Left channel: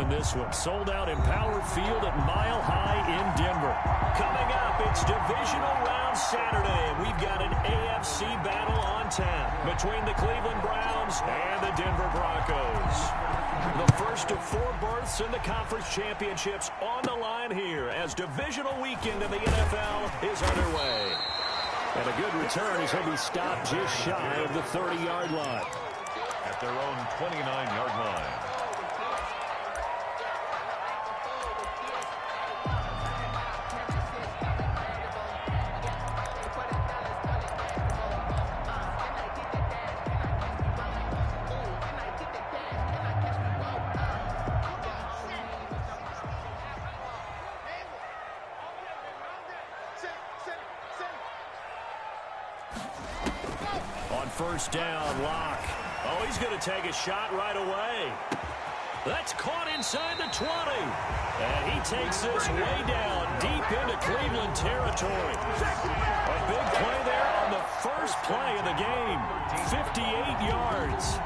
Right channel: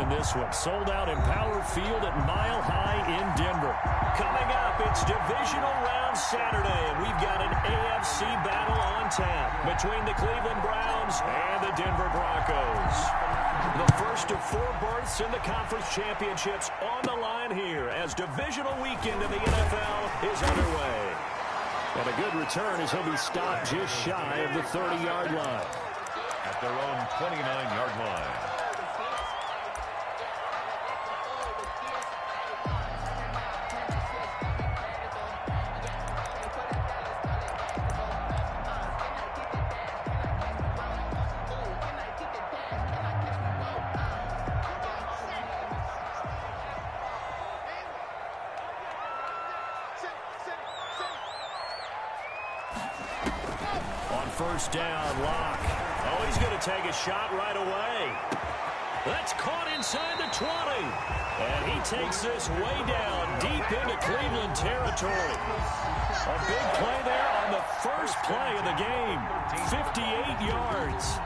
than this one. Sold out in Power Field at Mile High in Denver. Coming up, it's divisional round Saturday, and we've got an AFC battle on tap between the Cleveland Browns and the Denver Broncos. The first of 4 berths in the conference championships on the line here as divisional weekend in the NFL is underway. And a good return as he'll be stopped just shy of the 30-yard line. At their own 29-yard line. First down, Locke. Oh, he's going to take a shot right away. That's caught inside the 20. And he takes this way down deep into Cleveland territory. A big play there on the first play of the game. 58 yards.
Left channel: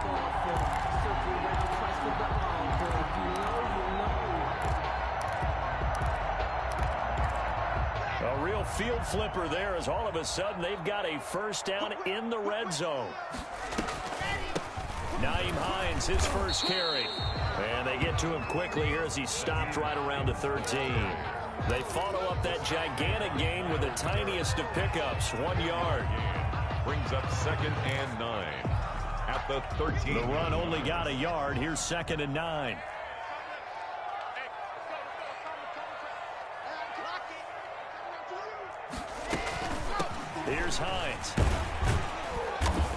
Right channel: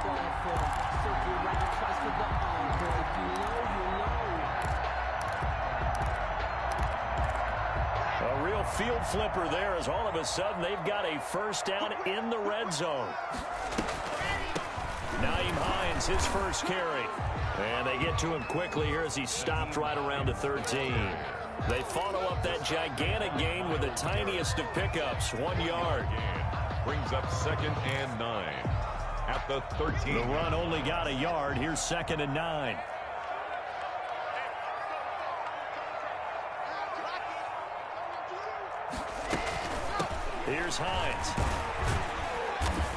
A real field flipper there as all of a sudden they've got a first down in the red zone. Nyheim Hines, his first carry. And they get to him quickly here as he's stopped right around the 13. They follow up that gigantic gain with the tiniest of pickups, 1 yard. Brings up 2nd and 9 at the 13. The run only got a yard. Here's 2nd and 9. Here's Hines.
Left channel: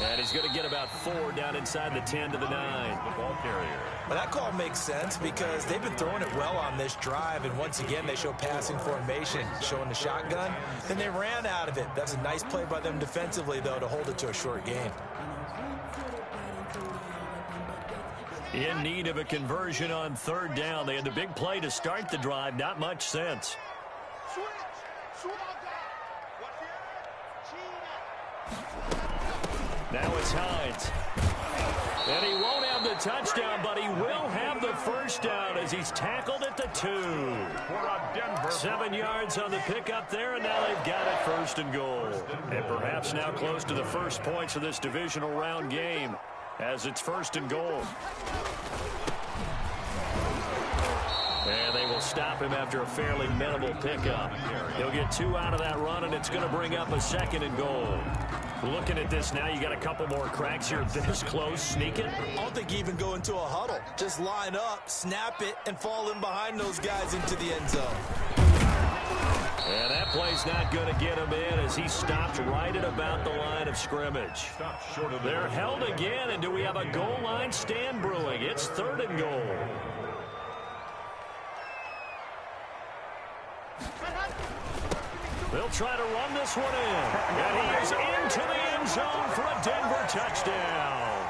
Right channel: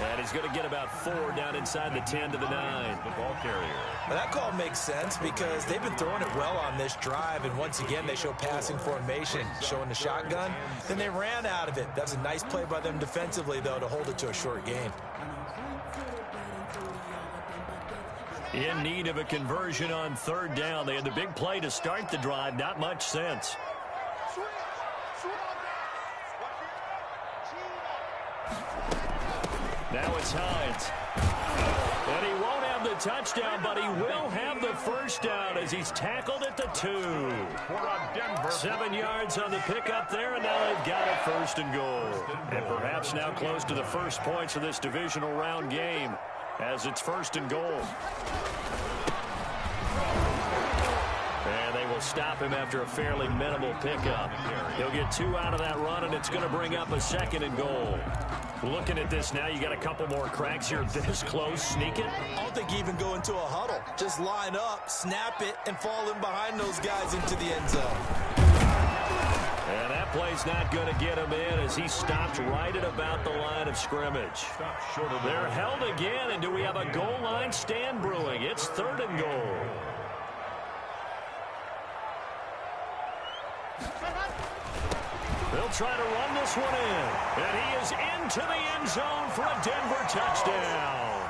And he's going to get about 4 down inside the 10 to the 9. The ball carrier. Well, that call makes sense because they've been throwing it well on this drive, and once again they show passing formation, showing the shotgun. Then they ran out of it. That's a nice play by them defensively, though, to hold it to a short gain. In need of a conversion on 3rd down. They had the big play to start the drive. Not much sense. Now it's Hines. And he won't have the touchdown, but he will have the first down as he's tackled at the 2. 7 yards on the pickup there, and now they've got it 1st and goal. And perhaps now close to the first points of this divisional round game as it's 1st and goal. And they will stop him after a fairly minimal pickup. He'll get 2 out of that run, and it's going to bring up a 2nd and goal. Looking at this now, you got a couple more cracks here this close. Sneak it. I don't think you even go into a huddle. Just line up, snap it, and fall in behind those guys into the end zone. And that play's not going to get him in as he stopped right at about the line of scrimmage. They're held again, and do we have a goal line stand brewing? It's 3rd and goal. They'll try to run this one in. And he is into the end zone for a Denver touchdown.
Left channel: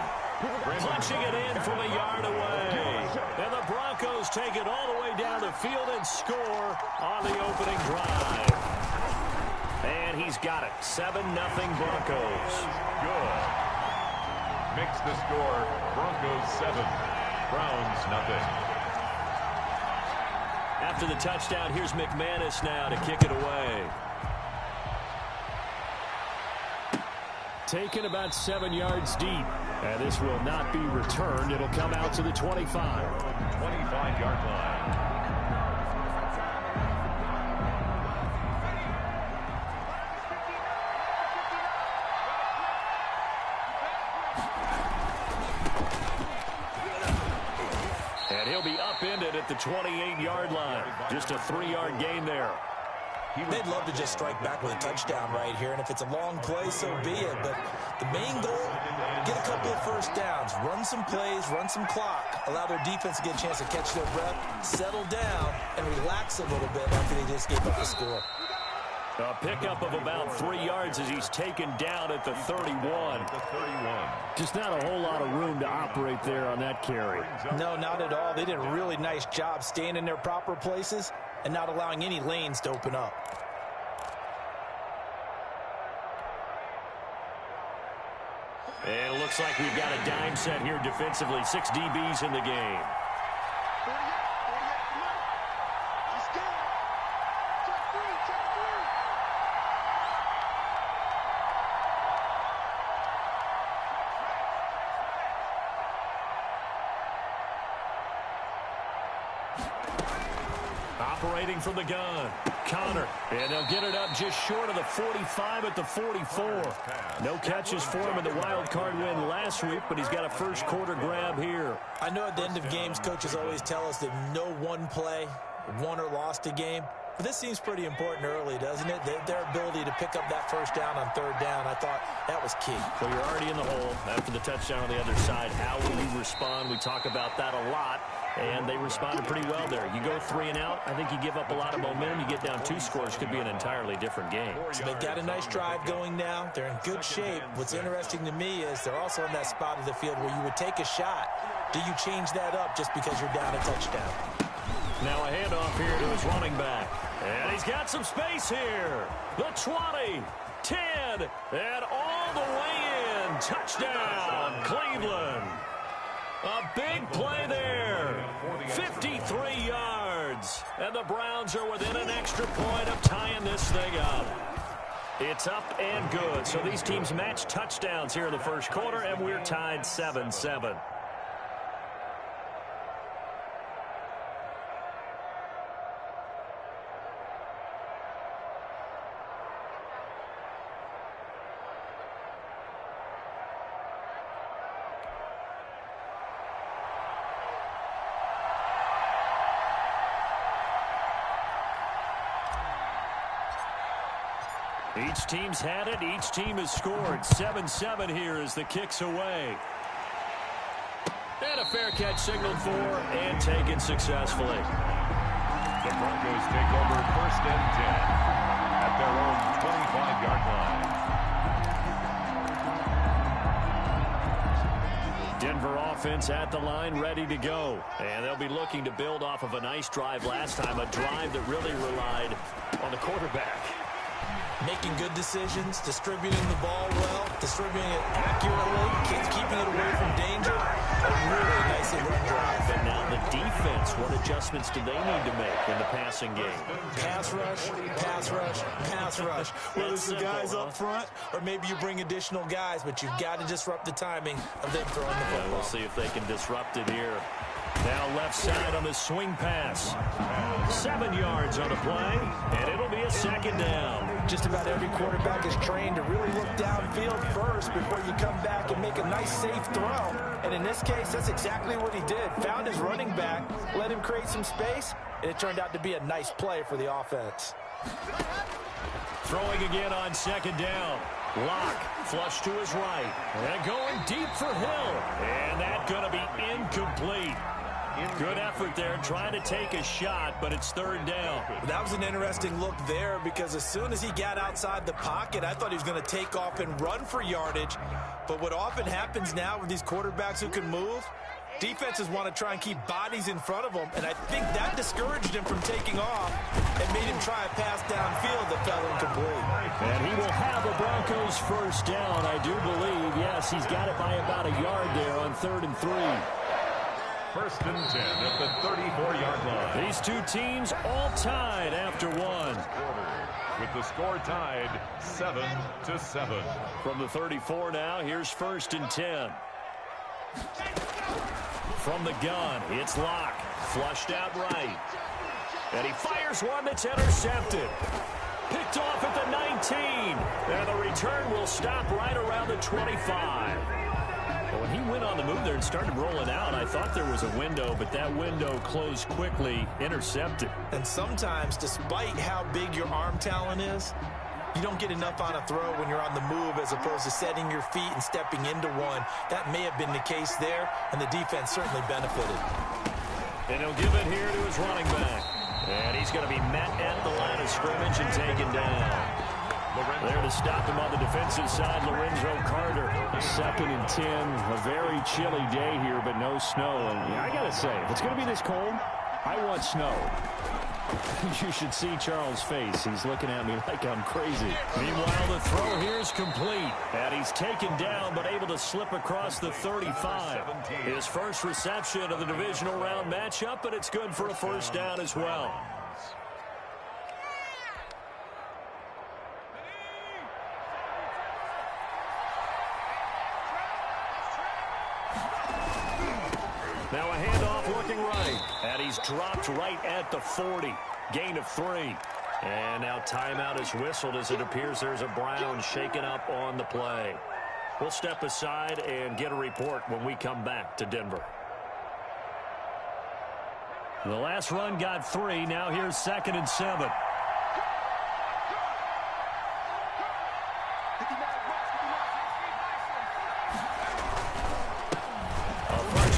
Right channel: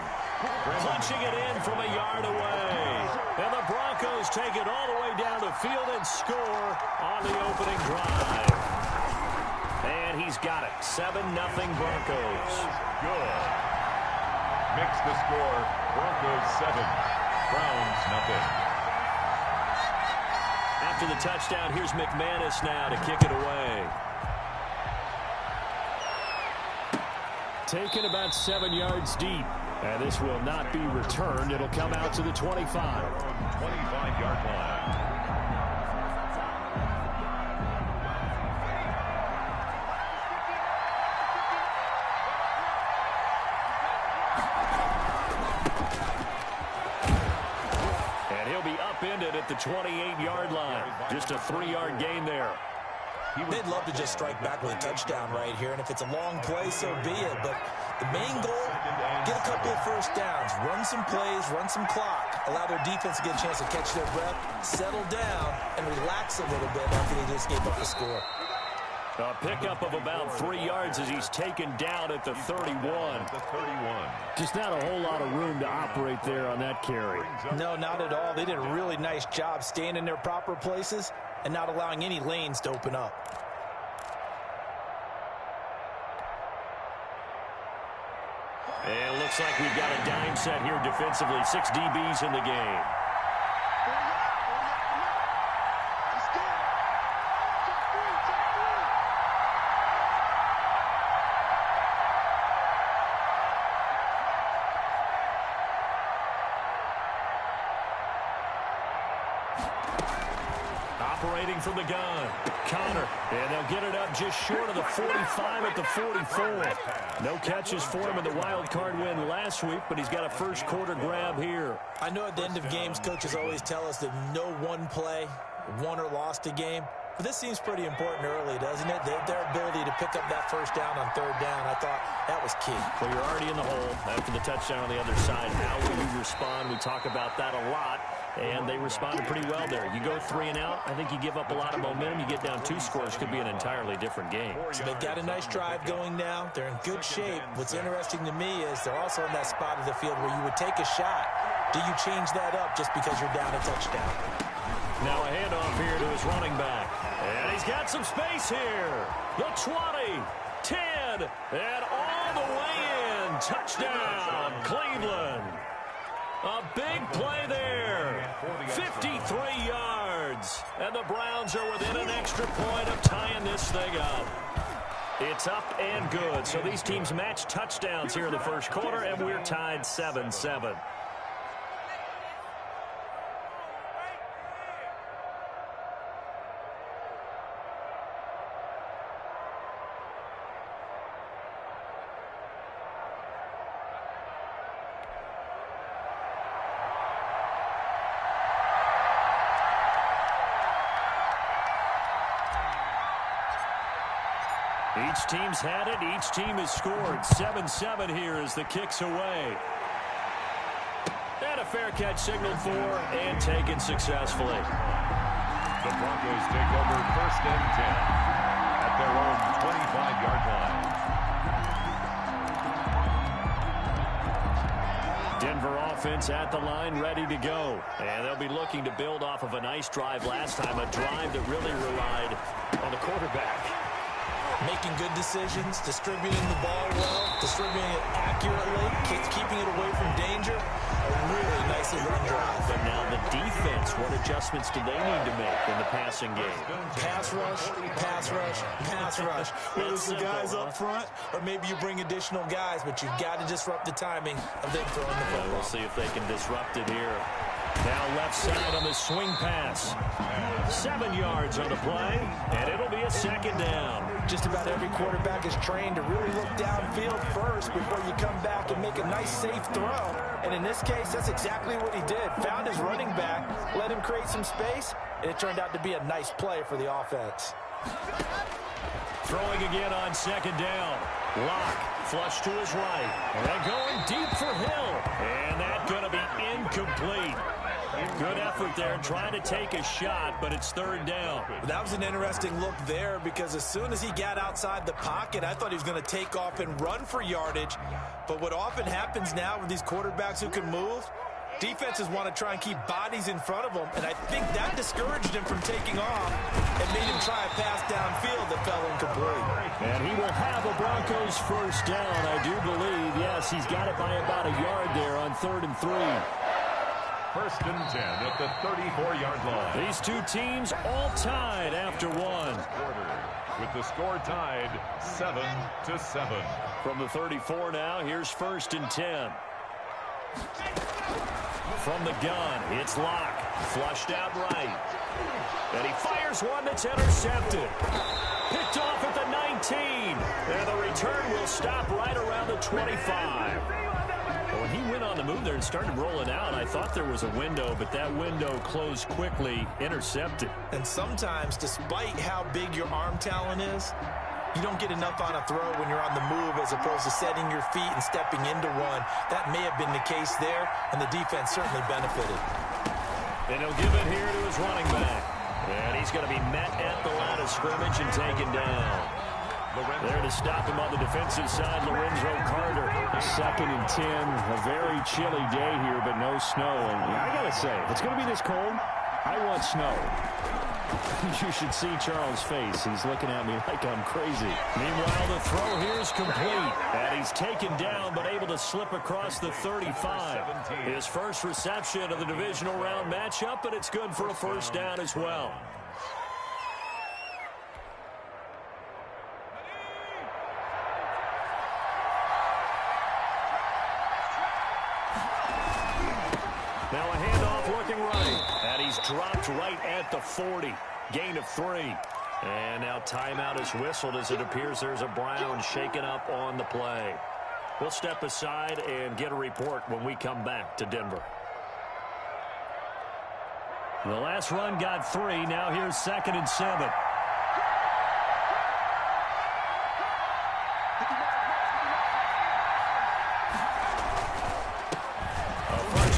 Punching it in from a yard away. And the Broncos take it all the way down the field and score on the opening drive. And he's got it. 7-0 Broncos. Good. Makes the score Broncos 7, Browns nothing. After the touchdown, here's McManus now to kick it away. Taken about 7 yards deep. And this will not be returned. It'll come out to the 25. 25-yard line. And he'll be upended at the 28-yard line. Just a 3-yard gain there. They'd love to just strike back with a touchdown right here, and if it's a long play, so be it. But the main goal, get a couple of first downs, run some plays, run some clock, allow their defense to get a chance to catch their breath, settle down, and relax a little bit after they just gave up the score. A pickup of about 3 yards as he's taken down at the 31. Just not a whole lot of room to operate there on that carry. No, not at all. They did a really nice job staying in their proper places and not allowing any lanes to open up. And it looks like we've got a dime set here defensively. 6 DBs in the game. Operating from the gun, Connor, and they'll get it up just short of the 45 at the 44. No catches for him in the wild card win last week, but he's got a first quarter grab here. I know at the end of games, coaches always tell us that no one play won or lost a game. But this seems pretty important early, doesn't it? Their ability to pick up that first down on third down, I thought that was key. Well, you're already in the hole after the touchdown on the other side. How will you respond? We talk about that a lot, and they responded pretty well there. You go 3 and out, I think you give up a lot of momentum. You get down 2 scores, could be an entirely different game. So they've got a nice drive going now. They're in good shape. What's interesting to me is they're also in that spot of the field where you would take a shot. Do you change that up just because you're down a touchdown? Now a handoff here to his running back. And he's got some space here. The 20, 10, and all the way in. Touchdown, Cleveland. A big play there. 53 yards. And the Browns are within an extra point of tying this thing up. It's up and good. So these teams match touchdowns here in the first quarter, and we're tied 7-7. Each team's had it. Each team has scored. 7-7 here as the kick's away. And a fair catch signaled for and taken successfully. The Broncos take over 1st and 10 at their own 25-yard line. Denver offense at the line, ready to go. And they'll be looking to build off of a nice drive last time, a drive that really relied on the quarterback. Making good decisions, distributing the ball well, distributing it accurately, keeping it away from danger. A really nicely run drive. And now the defense, what adjustments do they need to make in the passing game? Pass rush, pass rush, pass rush. Whether it's the guys up front or maybe you bring additional guys, but you've got to disrupt the timing of them throwing the football. We'll see if they can disrupt it here. Now left side on the swing pass. 7 yards on the play, and it'll be a second down. Just about every quarterback is trained to really look downfield first before you come back and make a nice, safe throw. And in this case, that's exactly what he did. Found his running back, let him create some space, and it turned out to be a nice play for the offense. Throwing again on second down. Locke, flush to his right. And going deep for Hill. And that's going to be incomplete. Good effort there, trying to take a shot, but it's third down. That was an interesting look there because as soon as he got outside the pocket, I thought he was going to take off and run for yardage. But what often happens now with these quarterbacks who can move, defenses want to try and keep bodies in front of them, and I think that discouraged him from taking off and made him try a pass downfield that fell incomplete. And he will have a Broncos first down, I do believe. Yes, he's got it by about a yard there on 3rd and 3. 1st and 10 at the 34-yard line. These two teams all tied after one. With the score tied 7-7. From the 34 now, here's 1st and 10. From the gun, it's Locke. Flushed out right. And he fires one that's intercepted. Picked off at the 19. And the return will stop right around the 25. But when he went on the move there and started rolling out, I thought there was a window, but that window closed quickly, intercepted. And sometimes, despite how big your arm talent is, you don't get enough on a throw when you're on the move as opposed to setting your feet and stepping into one. That may have been the case there, and the defense certainly benefited. And he'll give it here to his running back. And he's going to be met at the line of scrimmage and taken down. There to stop him on the defensive side, Lorenzo Carter. 2nd and 10. A very chilly day here, but no snow. And I got to say, if it's going to be this cold, I want snow. You should see Charles' face. He's looking at me like I'm crazy. Meanwhile, the throw here is complete. And he's taken down, but able to slip across the 35. His first reception of the divisional round matchup, and it's good for a first down as well. Now a handoff looking right. And he's dropped right at the 40. Gain of 3. And now timeout is whistled as it appears there's a Brown shaken up on the play. We'll step aside and get a report when we come back to Denver. The last run got 3. Now here's 2nd and 7.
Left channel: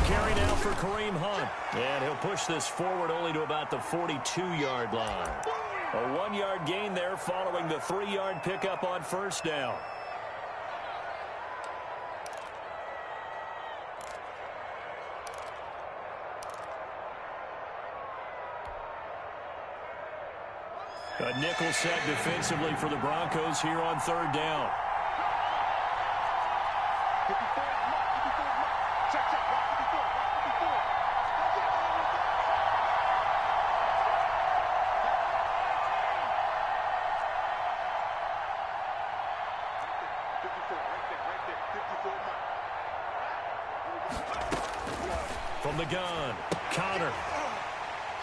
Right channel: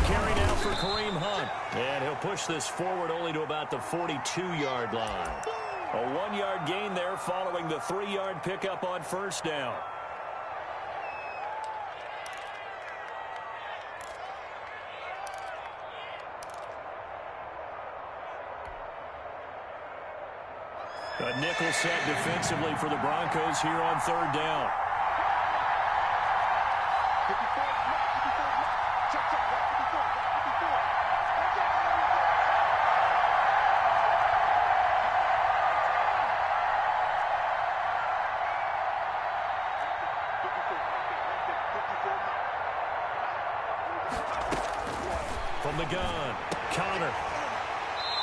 Carry now for Kareem Hunt. And he'll push this forward only to about the 42-yard line. A 1-yard gain there following the 3-yard pickup on first down. A nickel set defensively for the Broncos here on 3rd down. From the gun, Connor.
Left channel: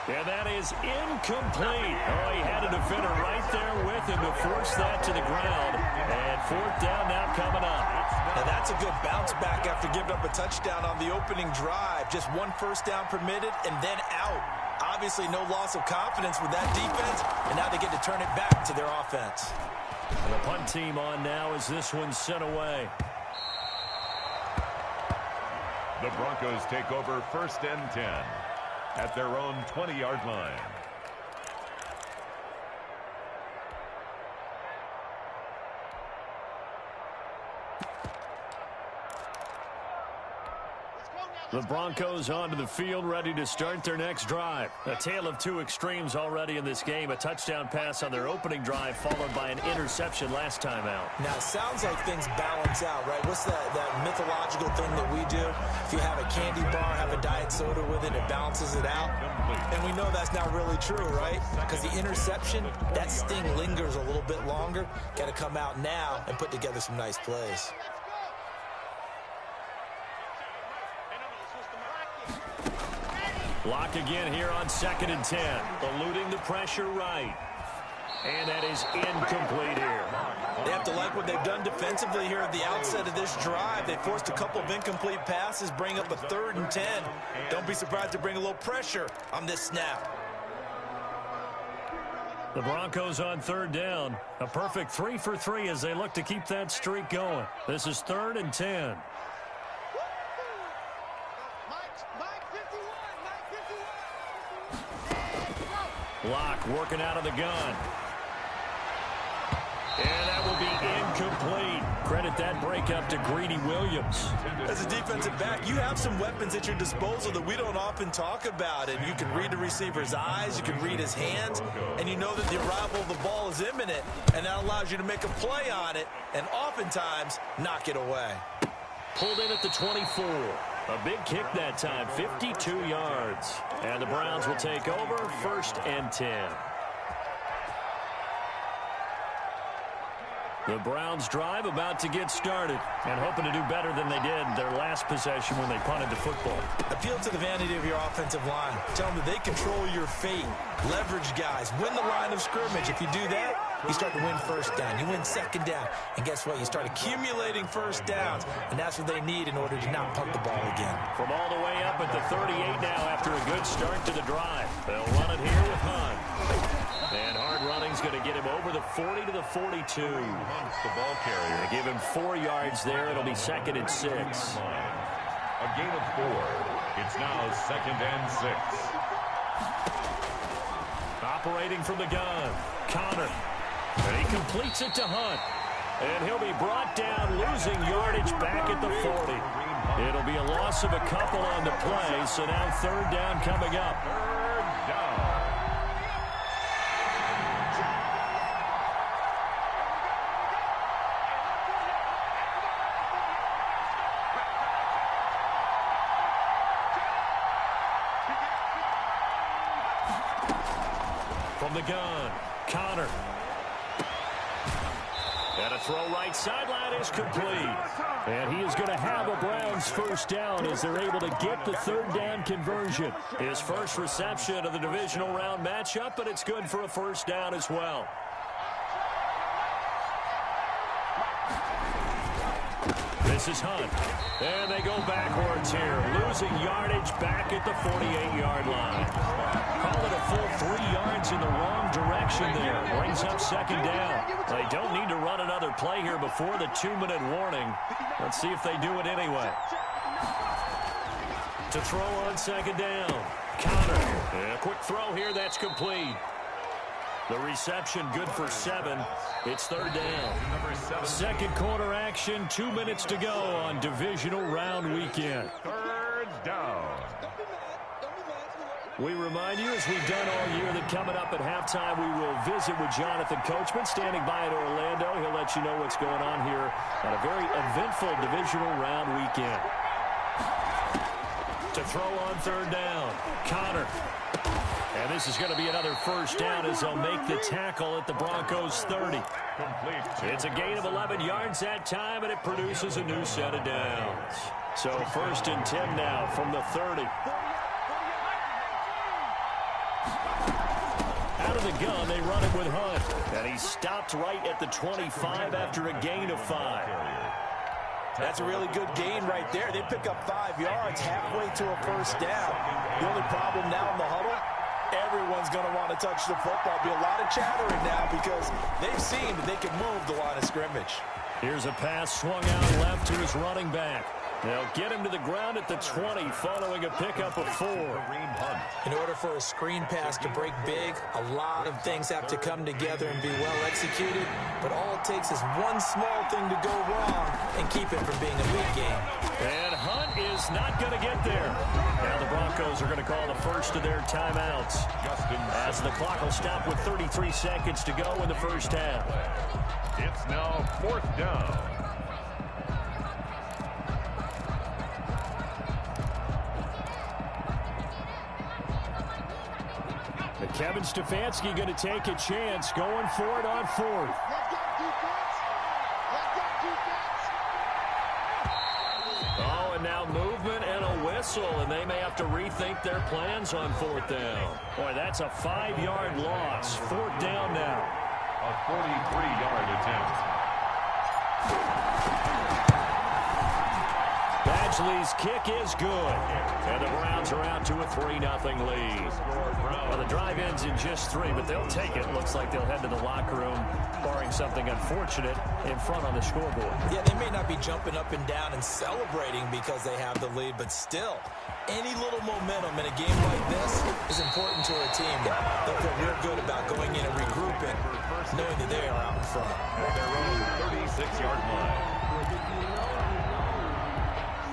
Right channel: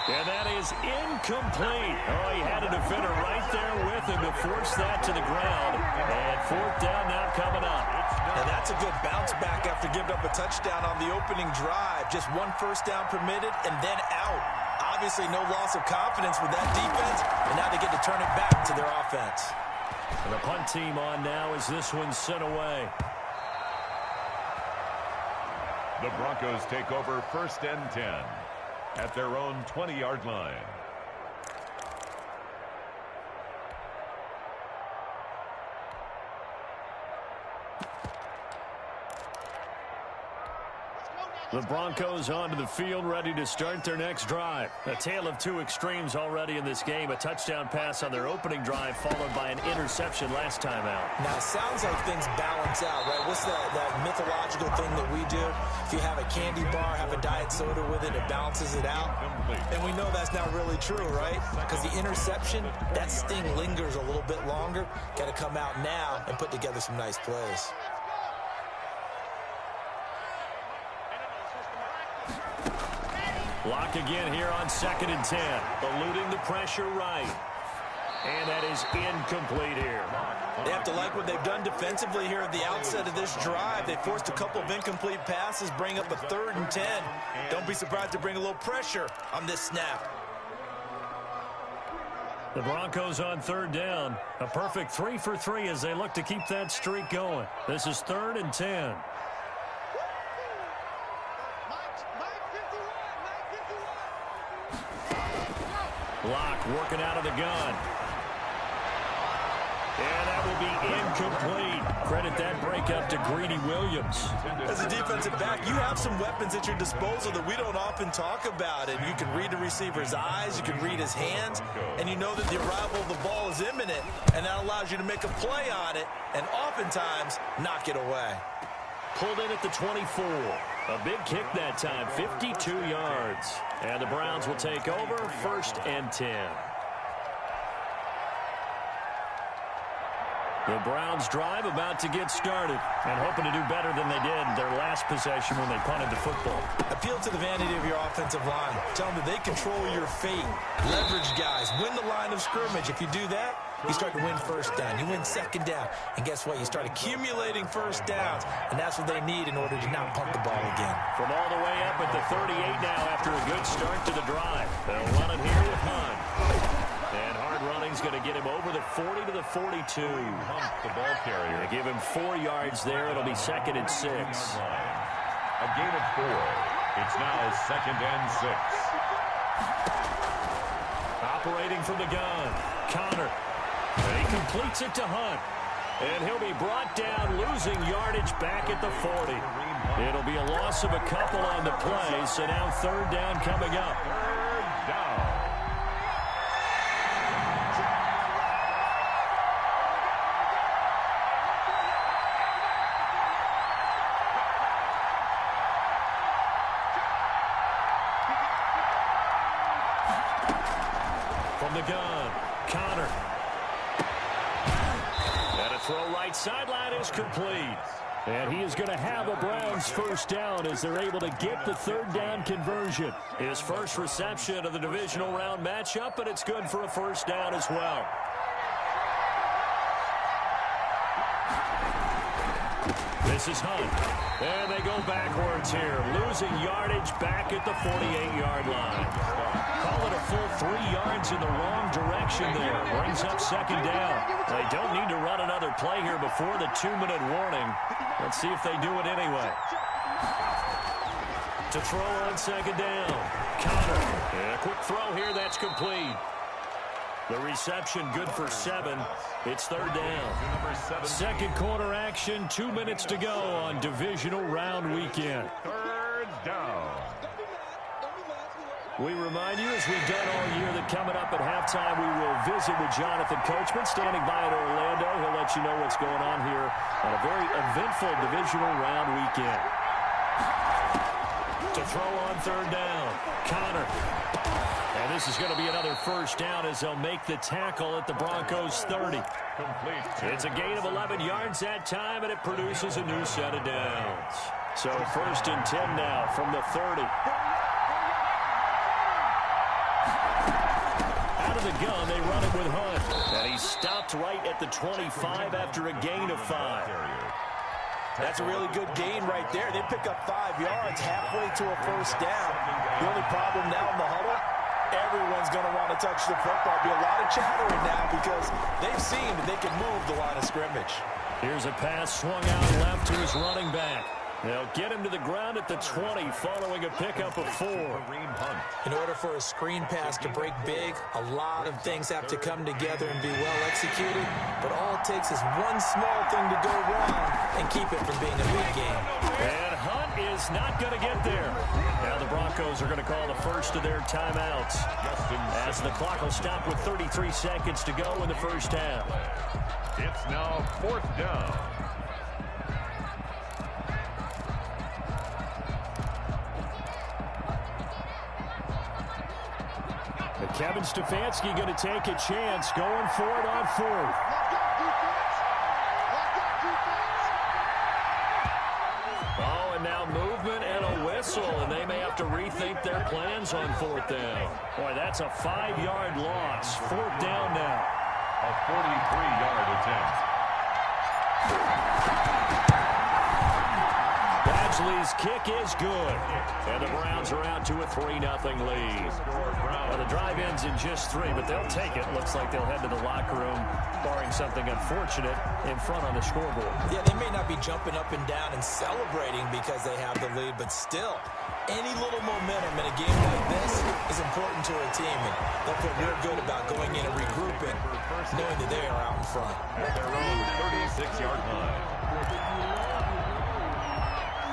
And that is incomplete. Oh, he had a defender right there with him to force that to the ground. And 4th down now coming up. Now that's a good bounce back after giving up a touchdown on the opening drive. Just 1 first down permitted and then out. Obviously no loss of confidence with that defense, and now they get to turn it back to their offense. And the punt team on now as this one's sent away. The Broncos take over 1st and 10 at their own 20-yard line. The Broncos onto the field, ready to start their next drive. A tale of 2 extremes already in this game. A touchdown pass on their opening drive, followed by an interception last time out. Now, it sounds like things balance out, right? What's that mythological thing that we do? If you have a candy bar, have a diet soda with it, it balances it out. And we know that's not really true, right? Because the interception, that sting lingers a little bit longer. Got to come out now and put together some nice plays. Lock again here on 2nd and 10. Eluding the pressure right. And that is incomplete here. They have to like what they've done defensively here at the outset of this drive. They forced a couple of incomplete passes, bring up a 3rd and 10. Don't be surprised to bring a little pressure on this snap. The Broncos on 3rd down. A perfect 3 for 3 as they look to keep that streak going. This is 3rd and 10. Lock working out of the gun. And that will be incomplete. Credit that breakup to Greedy Williams. As a defensive back, you have some weapons at your disposal that we don't often talk about. And you can read the receiver's eyes, you can read his hands, and you know that the arrival of the ball is imminent. And that allows you to make a play on it and oftentimes knock it away. Pulled in at the 24. A big kick that time, 52 yards. And the Browns will take over 1st and 10. The Browns drive about to get started and hoping to do better than they did their last possession when they punted the football. Appeal to the vanity of your offensive line. Tell them that they control your fate. Leverage guys. Win the line of scrimmage. If you do that, you start to win 1st down. You win 2nd down. And guess what? You start accumulating 1st downs. And that's what they need in order to not punt the ball again. From all the way up at the 38 now after a good start to the drive. They'll run it here with Hunt. And hard running's going to get him over the 40 to the 42. Hunt, the ball carrier. They give him 4 yards there. It'll be 2nd and 6. A gain of 4. It's now 2nd and 6. Operating from the gun, Connor. And he completes it to Hunt. And he'll be brought down, losing yardage back at the 40. It'll be a loss of a couple on the play, so now 3rd down coming up. 3rd down. From the gun, Connor. And a throw right sideline is complete. And he is going to have a Browns first down as they're able to get the third down conversion. His first reception of the divisional round matchup, but it's good for a first down as well. This is Hunt. And they go backwards here, losing yardage back at the 48-yard line. Call it a full 3 yards in the wrong direction there. Brings up second down. They don't need to run another play here before the 2-minute warning. Let's see if they do it anyway. To throw on second down. Connor. A quick throw here. That's complete. The reception good for 7. It's third down. Second quarter action. 2 minutes to go on divisional round weekend. Third down. We remind you, as we've done all year, that coming up at halftime, we will visit with Jonathan Coachman, standing by at Orlando. He'll let you know what's going on here on a very eventful divisional round weekend. To throw on third down, Connor. And this is going to be another first down as they'll make the tackle at the Broncos 30. It's a gain of 11 yards that time, and it produces a new set of downs. So first and 10 now from the 30. Out of the gun, they run it with Hunt. And he stopped right at the 25 after a gain of 5. That's a really good gain right there. They pick up 5 yards halfway to a first down. The only problem now in the huddle, everyone's going to want to touch the football. Be a lot of chattering now because they've seen that they can move the line of scrimmage. Here's a pass swung out left to his running back. They'll get him to the ground at the 20 following a pickup of 4. In order for a screen pass to break big, a lot of things have to come together and be well executed. But all it takes is one small thing to go wrong and keep it from being a big game. And Hunt is not going to get there. Now the Broncos are going to call the first of their timeouts as the clock will stop with 33 seconds to go in the first half. It's now fourth down. And Kevin Stefanski going to take a chance going for it on fourth. Oh, and now movement and a whistle, and they may have to rethink their plans on fourth down. Boy, that's a 5-yard loss. Fourth down now. A 43-yard attempt. Badgley's kick is good. And the Browns are out to a 3-0 lead. Well, the drive ends in just 3, but they'll take it. Looks like they'll head to the locker room, barring something unfortunate, in front on the scoreboard. Yeah, they may not be jumping up and down and celebrating because they have the lead, but still, any little momentum in a game like this is important to a team. And they'll feel real good about going in and regrouping, knowing that they are out in front. At their own 36-yard line.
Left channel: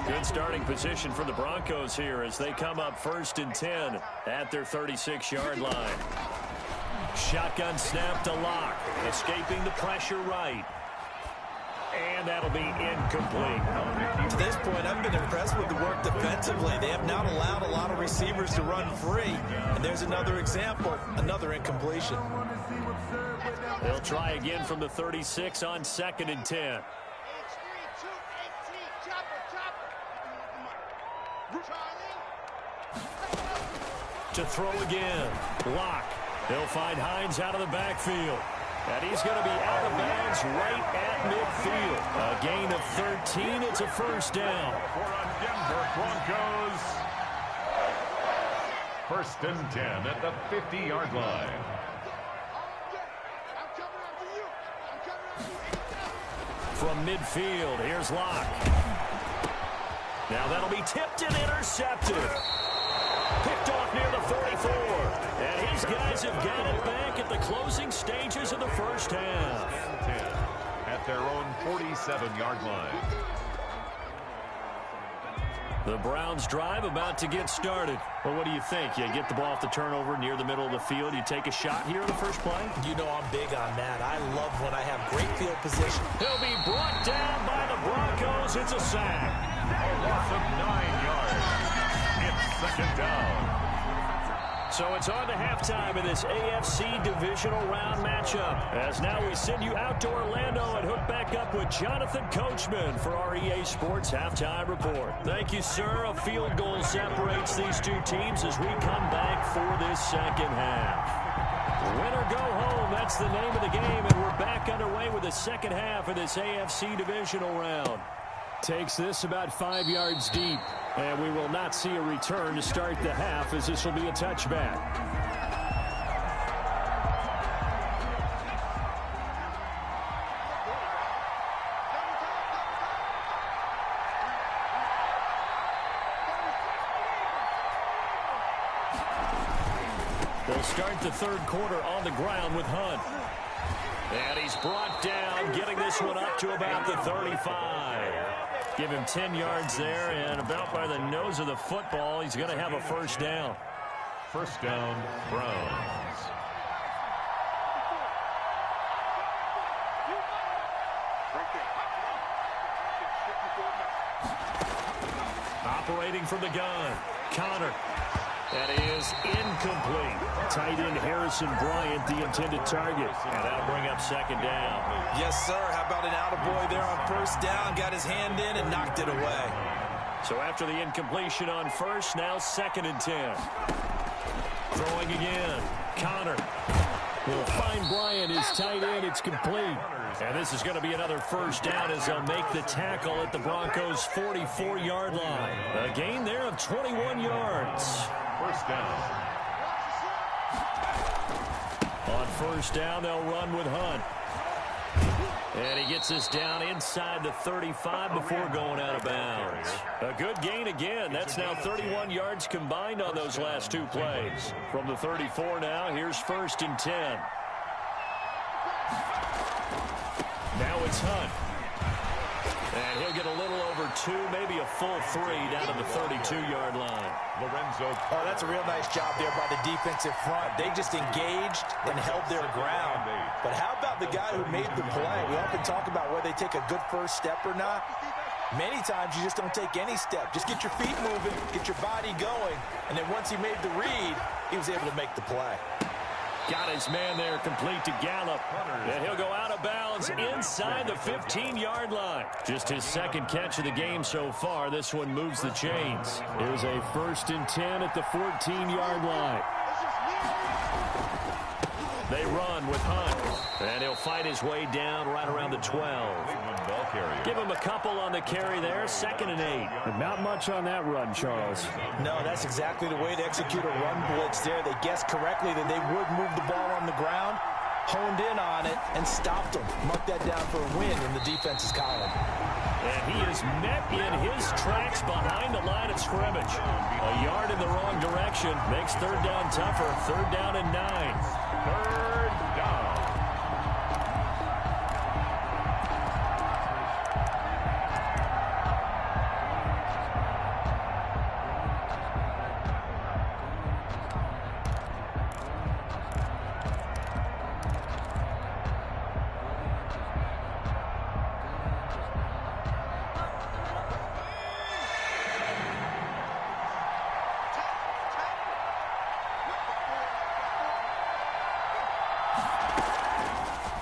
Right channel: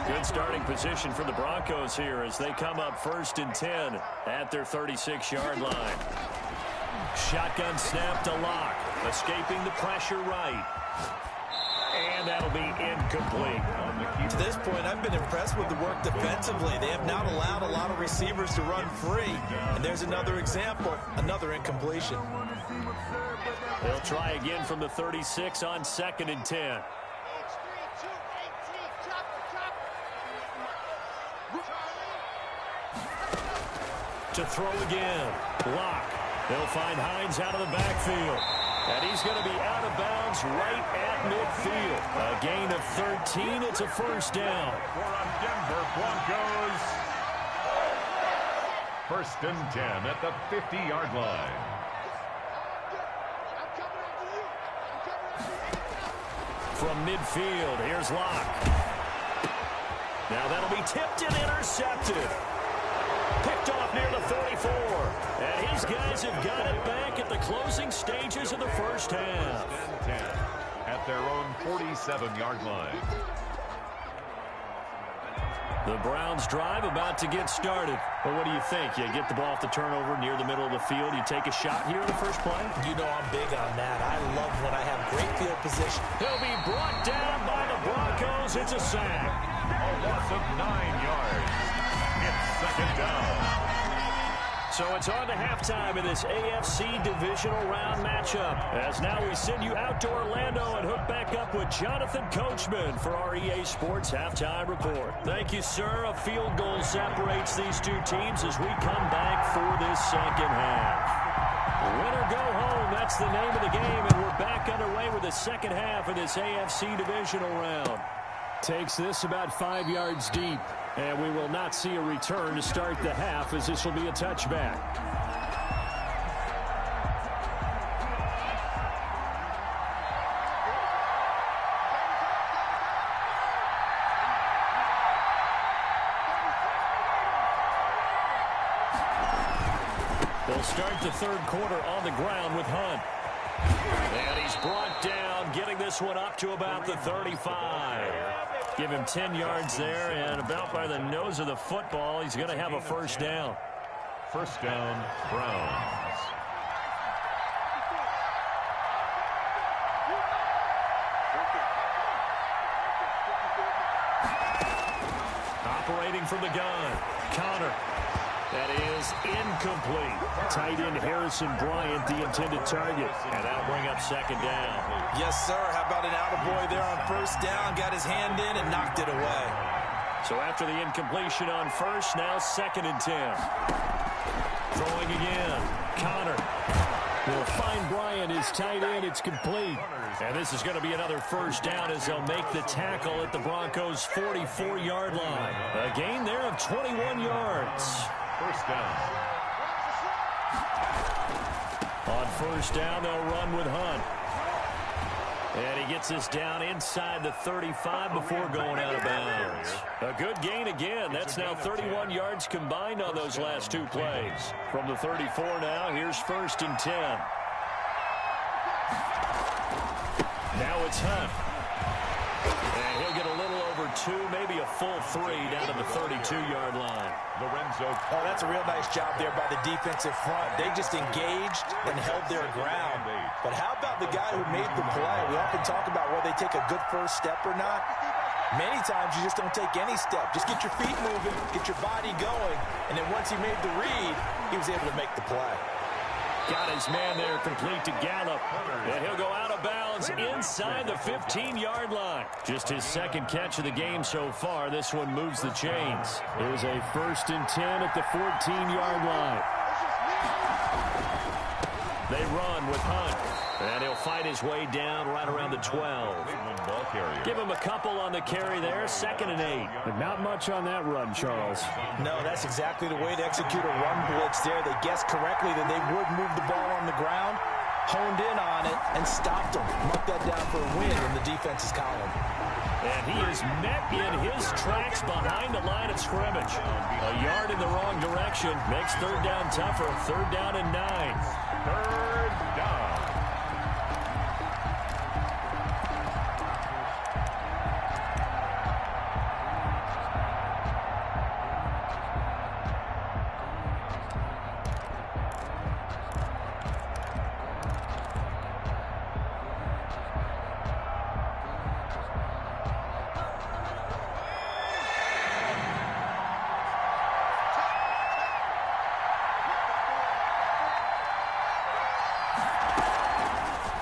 Good starting position for the Broncos here as they come up first and 10 at their 36-yard line. Shotgun snap to Locke, escaping the pressure right. And that'll be incomplete. To this point, I've been impressed with the work defensively. They have not allowed a lot of receivers to run free. And there's another example, another incompletion. They'll try again from the 36 on second and 10. To throw again. Locke. They'll find Hines out of the backfield. And he's going to be out of bounds right at midfield. A gain of 13. It's a first down. For a Denver Broncos. First and 10 at the 50-yard line. From midfield, here's Locke. Now that'll be tipped and intercepted. Picked off near the 44. And his guys have got it back at the closing stages of the first half. 10 at their own 47-yard line. The Browns drive about to get started. Well, what do you think? You get the ball off the turnover near the middle of the field. You take a shot here in the first play? You know I'm big on that. I love when I have great field position. He'll be brought down by the Broncos. It's a sack. A loss of 9 yards. It's second down. So it's on to halftime in this AFC divisional round matchup. As now we send you out to Orlando and hook back up with Jonathan Coachman for our EA Sports Halftime Report. Thank you, sir. A field goal separates these two teams as we come back for this second half. Win or go home, that's the name of the game, and we're back underway with the second half of this AFC divisional round. Takes this about 5 yards deep, and we will not see a return to start the half as this will be a touchback. They'll start the third quarter on the ground with Hunt. And he's brought down, getting this one up to about the 35. Give him 10 yards there, and about by the nose of the football, he's going to have a first down. First down, Browns. Operating from the gun, Connor. That is incomplete. Tight end Harrison Bryant, the intended target. And that'll bring up second down. Yes, sir. How about an attaboy there on first down? Got his hand in and knocked it away. So after the incompletion on first, now 2nd and 10. Throwing again. Connor will find Bryant, his tight end. It's complete. And this is going to be another first down as they'll make the tackle at the Broncos' 44-yard line. A gain there of 21 yards. First down. On first down, they'll run with Hunt. And he gets us down inside the 35 before going out of bounds. A good gain again. That's now 31 yards combined on those last two plays. From the 34 now, here's 1st and 10. Now it's Hunt. And he'll get a little over 2, maybe a full 3 down to the 32-yard line. Lorenzo. Oh, that's a real nice job there by the defensive front. They just engaged and held their ground. But how about the guy who made the play? We often talk about whether they take a good first step or not. Many times you just don't take any step. Just get your feet moving, get your body going, and then once he made the read, he was able to make the play. Got his man there complete to Gallup. And he'll go out of bounds inside the 15-yard line. Just his second catch of the game so far. This one moves the chains. Here's a 1st and 10 at the 14-yard line. They run with Hunt. And he'll fight his way down right around the 12. Give him a couple on the carry there. 2nd and 8. But not much on that run, Charles. No, that's exactly the way to execute a run blitz there. They guessed correctly that they would move the ball on the ground, honed in on it, and stopped them. Mark that down for a win in the defense's column. And he is met in his tracks behind the line of scrimmage. A yard in the wrong direction makes 3rd down tougher. 3rd down and 9. 3rd down.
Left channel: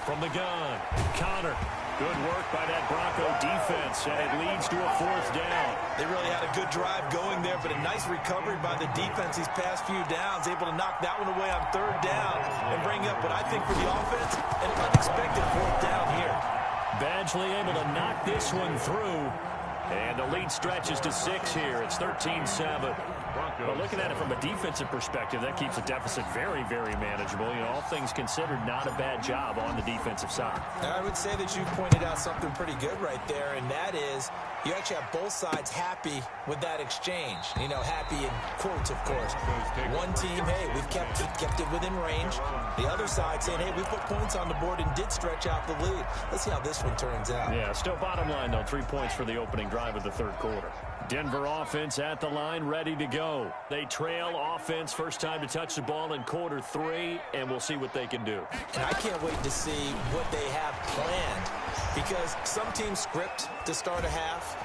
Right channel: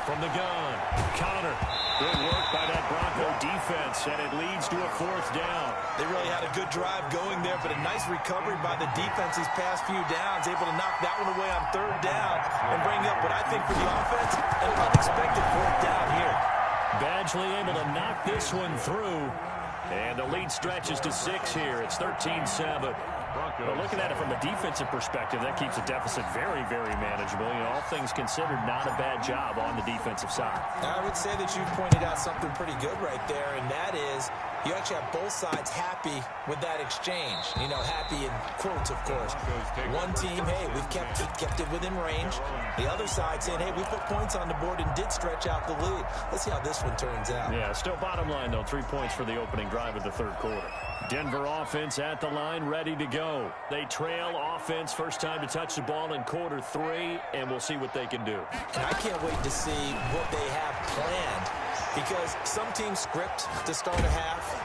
From the gun, Connor. Good work by that Bronco defense, and it leads to a 4th down. They really had a good drive going there, but a nice recovery by the defense these past few downs, able to knock that one away on 3rd down and bring up what I think for the offense, an unexpected 4th down here. Badgley able to knock this one through, and the lead stretches to 6 here. It's 13-7. But looking at it from a defensive perspective, that keeps the deficit very, very manageable. You know, all things considered, not a bad job on the defensive side. I would say that you pointed out something pretty good right there, and that is you actually have both sides happy with that exchange. You know, happy in quotes, of course. One team, hey, we've kept it within range. The other side saying, hey, we put points on the board and did stretch out the lead. Let's see how this one turns out. Yeah, still bottom line, though, 3 points for the opening drive of the 3rd quarter. Denver offense at the line, ready to go. They trail offense, first time to touch the ball in quarter 3, and we'll see what they can do. And I can't wait to see what they have planned, because some teams script to start a half.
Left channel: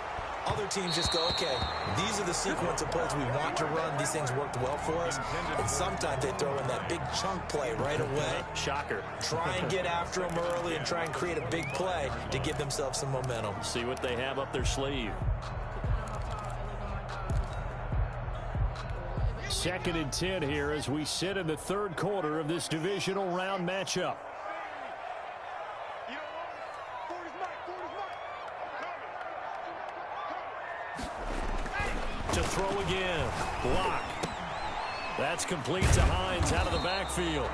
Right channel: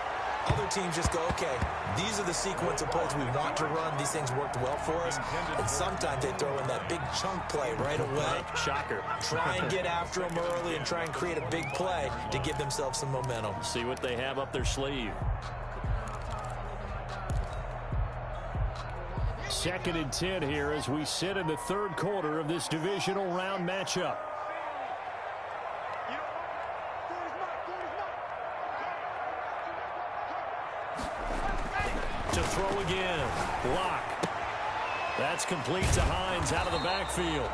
Other teams just go, okay, these are the sequence of plays we want to run. These things worked well for us. And sometimes they throw in that big chunk play right away. Shocker. Try and get after them early and try and create a big play to give themselves some momentum. See what they have up their sleeve. 2nd and 10 here as we sit in the 3rd quarter of this divisional round matchup. To throw again. Block. That's complete to Hines out of the backfield.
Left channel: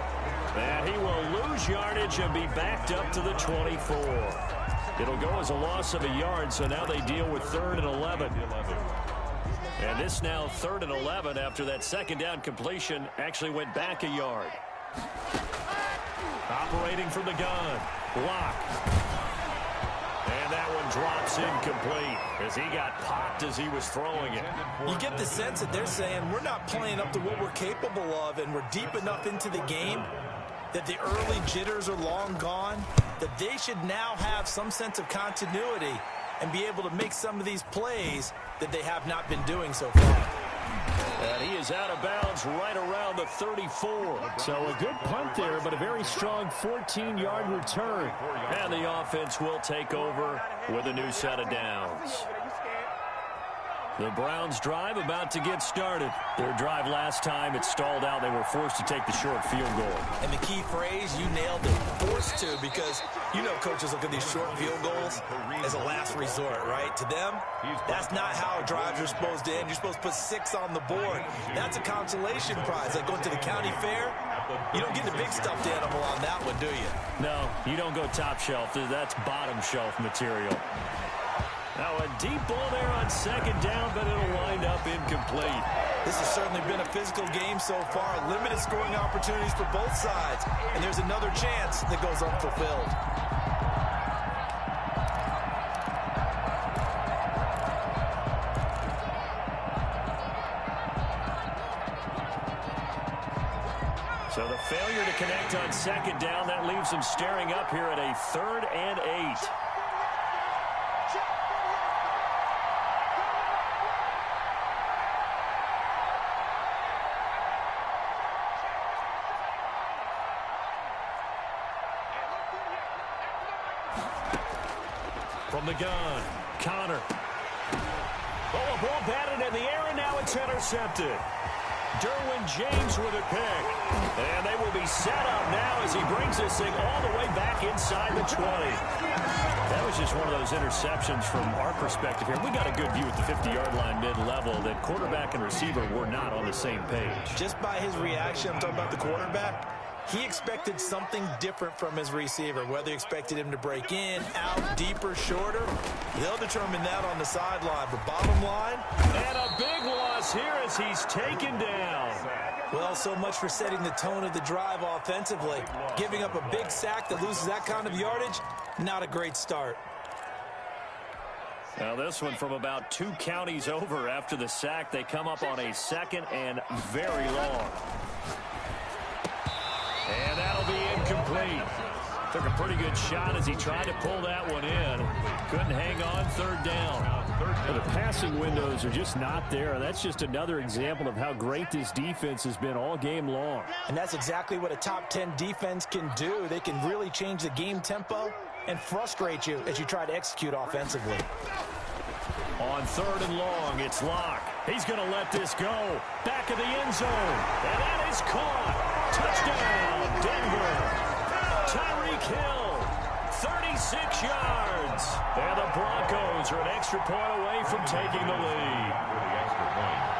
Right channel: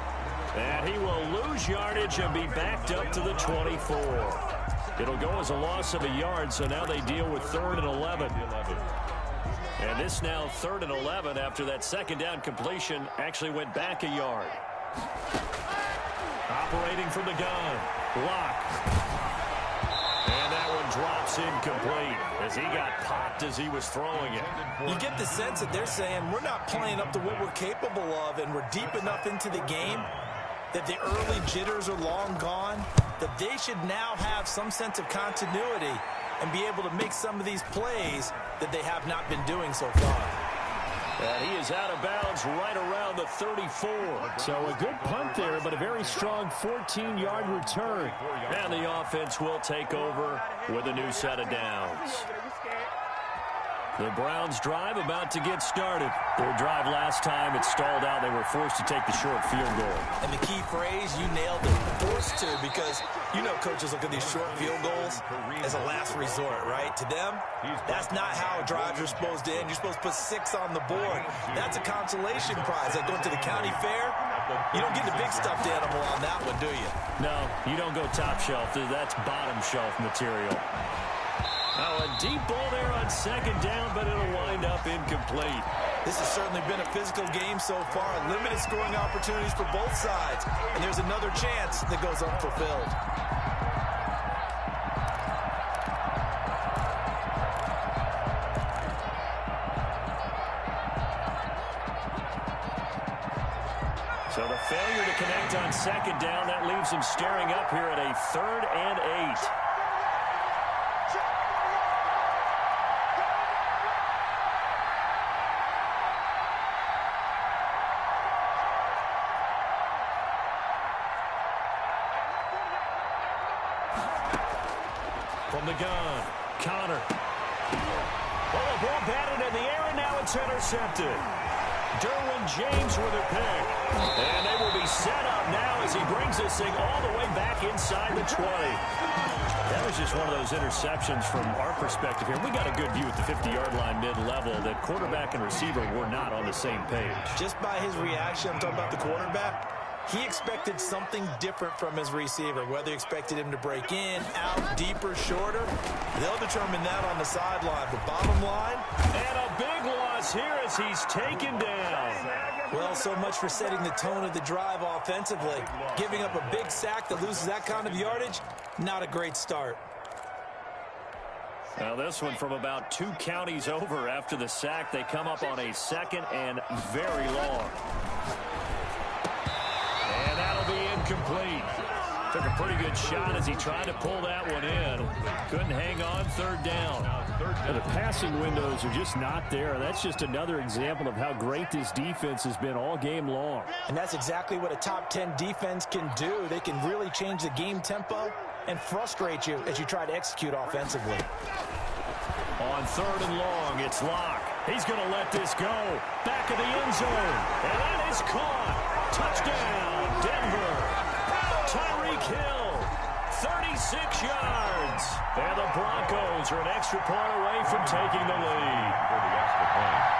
And he will lose yardage and be backed up to the 24. It'll go as a loss of a yard, so now they deal with 3rd and 11. And this now 3rd and 11 after that 2nd down completion actually went back a yard. Operating from the gun. Block. And that one drops incomplete as he got popped as he was throwing it. You get the sense that they're saying we're not playing up to what we're capable of, and we're deep enough into the game that the early jitters are long gone, that they should now have some sense of continuity and be able to make some of these plays that they have not been doing so far. And he is out of bounds right around the 34. So a good punt there, but a very strong 14-yard return. And the offense will take over with a new set of downs. The Browns drive about to get started. Their drive last time, it stalled out. They were forced to take the short field goal. And the key phrase, you nailed it, forced to, because you know coaches look at these short field goals as a last resort, right? To them, that's not how drives are supposed to end. You're supposed to put 6 on the board. That's a consolation prize. Like going to the county fair, you don't get the big stuffed animal on that one, do you? No, you don't go top shelf. That's bottom shelf material. Now a deep ball there on 2nd down, but it'll wind up incomplete. This has certainly been a physical game so far. Limited scoring opportunities for both sides. And there's another chance that goes unfulfilled. So the failure to connect on 2nd down, that leaves them staring up here at a 3rd and 8. From the gun, Connor. Oh, a ball batted in the air, and now it's intercepted. Derwin James with a pick. And they will be set up now as he brings this thing all the way back inside the 20. That was just one of those interceptions from our perspective here. We got a good view at the 50-yard line mid-level that quarterback and receiver were not on the same page. Just by his reaction, I'm talking about the quarterback, he expected something different from his receiver, whether he expected him to break in, out, deeper, shorter. They'll determine that on the sideline. But bottom line, and a big loss here as he's taken down. Well, so much for setting the tone of the drive offensively. Giving up a big sack that loses that kind of yardage, not a great start. Now this one from about 2 counties over after the sack. They come up on a 2nd and very long. And that'll be incomplete. Took a pretty good shot as he tried to pull that one in. Couldn't hang on 3rd down. But the passing windows are just not there. That's just another example of how great this defense has been all game long. And that's exactly what a top 10 defense can do. They can really change the game tempo and frustrate you as you try to execute offensively. On 3rd and long, it's Locke. He's going to let this go. Back of the end zone. And that is caught. Touchdown, Denver. Tyreek Hill, 36 yards. And the Broncos are an extra point away from taking the lead.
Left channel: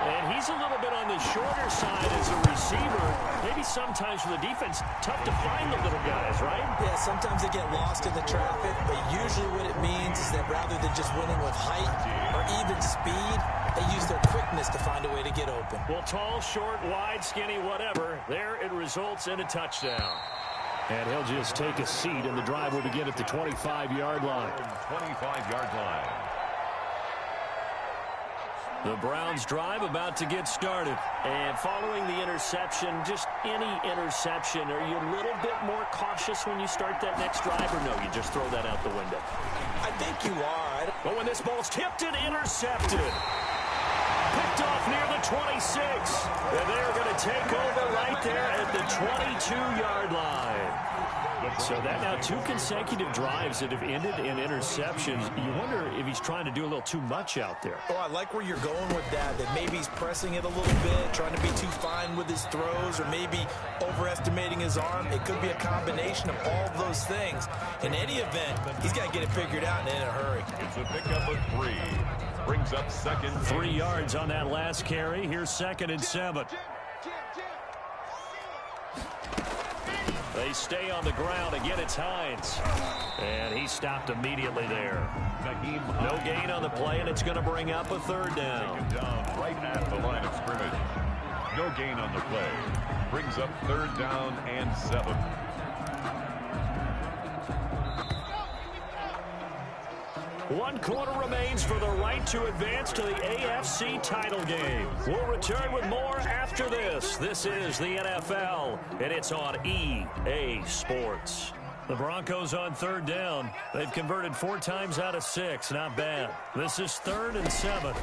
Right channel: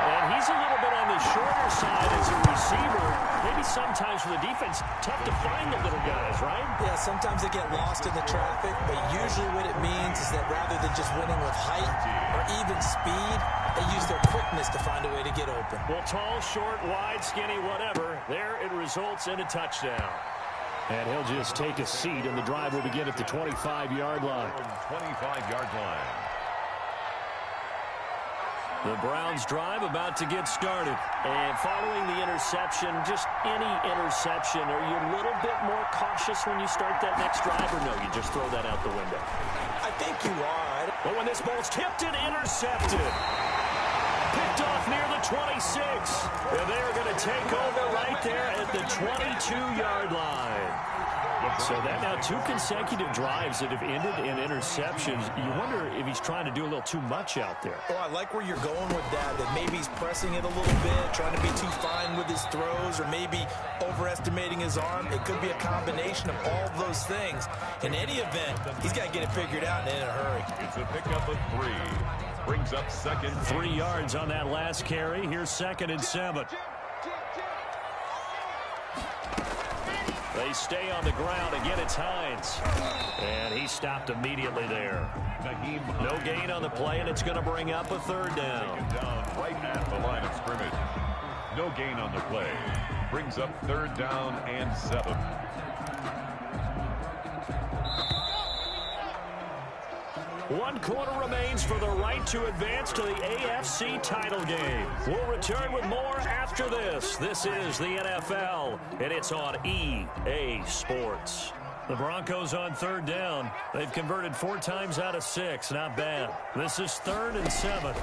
And he's a little bit on the shorter side as a receiver. Maybe sometimes for the defense, tough to find the little guys, right? Yeah, sometimes they get lost in the traffic, but usually what it means is that rather than just winning with height or even speed, they use their quickness to find a way to get open. Well, tall, short, wide, skinny, whatever. There it results in a touchdown. And he'll just take a seat, and the drive will begin at the 25-yard line. 25-yard line. The Browns drive about to get started. And following the interception, just any interception, are you a little bit more cautious when you start that next drive, or no, you just throw that out the window? I think you are. But when this ball's tipped and intercepted, picked off near the 26. And they are going to take over right there at the 22-yard line. So that now 2 consecutive drives that have ended in interceptions. You wonder if he's trying to do a little too much out there. Oh, I like where you're going with that maybe he's pressing it a little bit, trying to be too fine with his throws, or maybe overestimating his arm. It could be a combination of all of those things. In any event, he's got to get it figured out and in a hurry. It's a pickup of 3. Brings up second. 3 yards on that last carry. Here's 2nd and 7. They stay on the ground. Again, it's Hines. And he stopped immediately there. No gain on the play, and it's going to bring up a 3rd down. Taken down right at the line of scrimmage. No gain on the play. Brings up 3rd down and 7. One quarter remains for the right to advance to the AFC title game. We'll return with more after this. This is the NFL, and it's on EA Sports. The Broncos on 3rd down. They've converted 4 times out of 6. Not bad. This is 3rd and 7.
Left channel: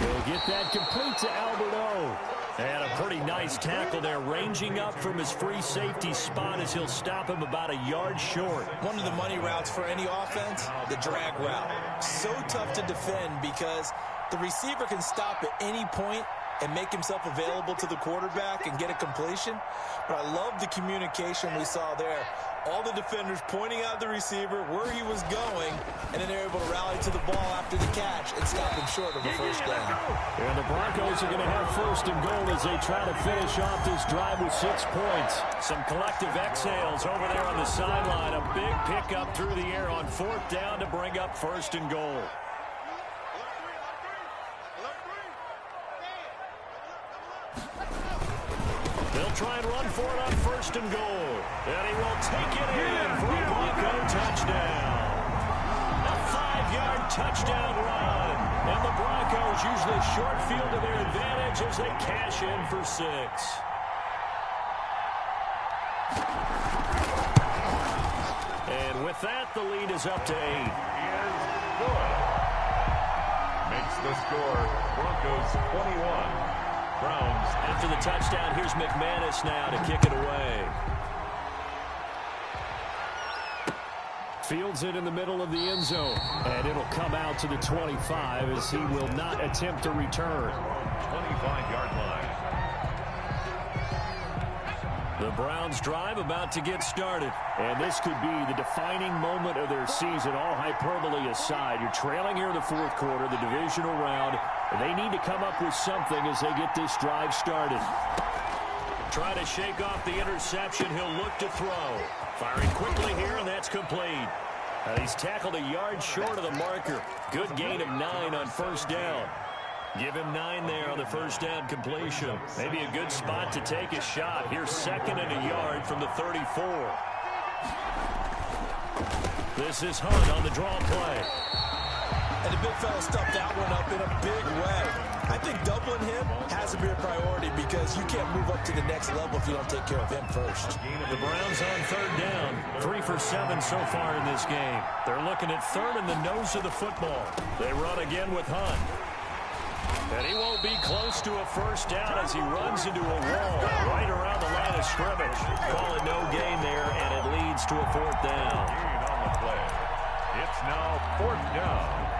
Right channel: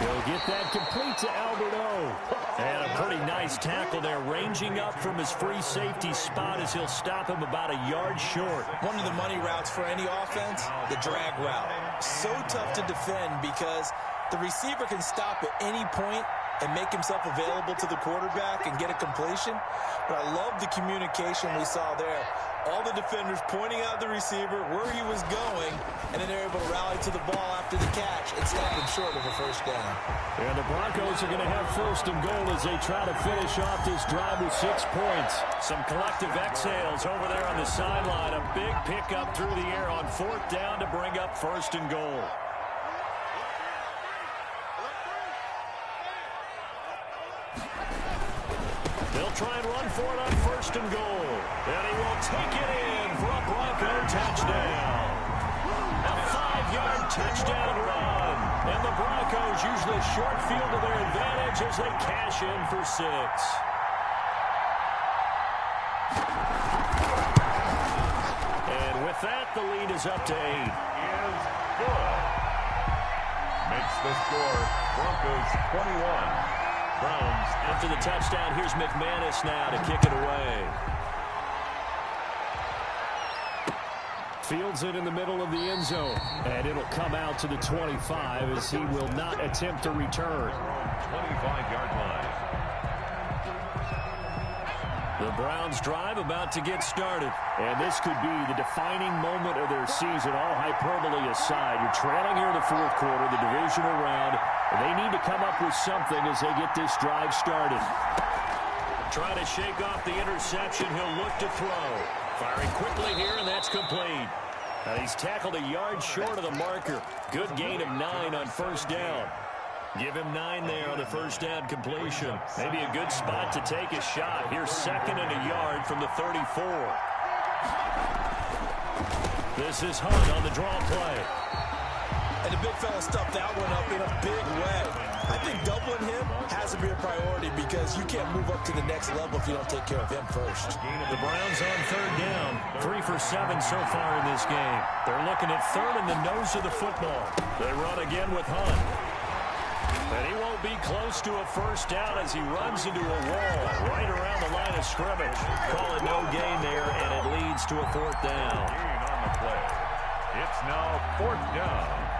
He'll get that complete to Albert O. And a pretty nice tackle there, ranging up from his free safety spot as he'll stop him about a yard short. One of the money routes for any offense, the drag route. So tough to defend because the receiver can stop at any point and make himself available to the quarterback and get a completion. But I love the communication we saw there. All the defenders pointing out the receiver, where he was going, and then they're able to rally to the ball after the catch and stop him short of a 1st down. And the Broncos are going to have 1st and goal as they try to finish off this drive with 6 points. Some collective exhales over there on the sideline. A big pickup through the air on 4th down to bring up 1st and goal. They'll try and run for it on 1st and goal. And he will take it in for a Bronco touchdown. A 5-yard touchdown run. And the Broncos use the short field to their advantage as they cash in for 6. And with that, the lead is up to 8. Is good. Makes the score Broncos 21. Browns. After the touchdown, here's McManus now to kick it away. Fields it in the middle of the end zone. And it'll come out to the 25 as he will not attempt to return. 25-yard line. The Browns drive about to get started. And this could be the defining moment of their season, all hyperbole aside. You're trailing here in the 4th quarter, the divisional round. And they need to come up with something as they get this drive started. Trying to shake off the interception. He'll look to throw. Firing quickly here, and that's complete. He's tackled a yard short of the marker. Good gain of 9 on 1st down. Give him 9 there on the 1st down completion. Maybe a good spot to take a shot. Here's 2nd and a yard from the 34. This is Hunt on the draw play. And the big fella stuffed that one up in a big way. I think doubling him has to be a priority because you can't move up to the next level if you don't take care of him first. The Browns on 3rd down. 3 for 7 so far in this game. They're looking at 3rd in the nose of the football. They run again with Hunt. And he won't be close to a 1st down as he runs into a wall right around the line of scrimmage. Call it no gain there, and it leads to a 4th down. Gain on the play. It's now 4th down.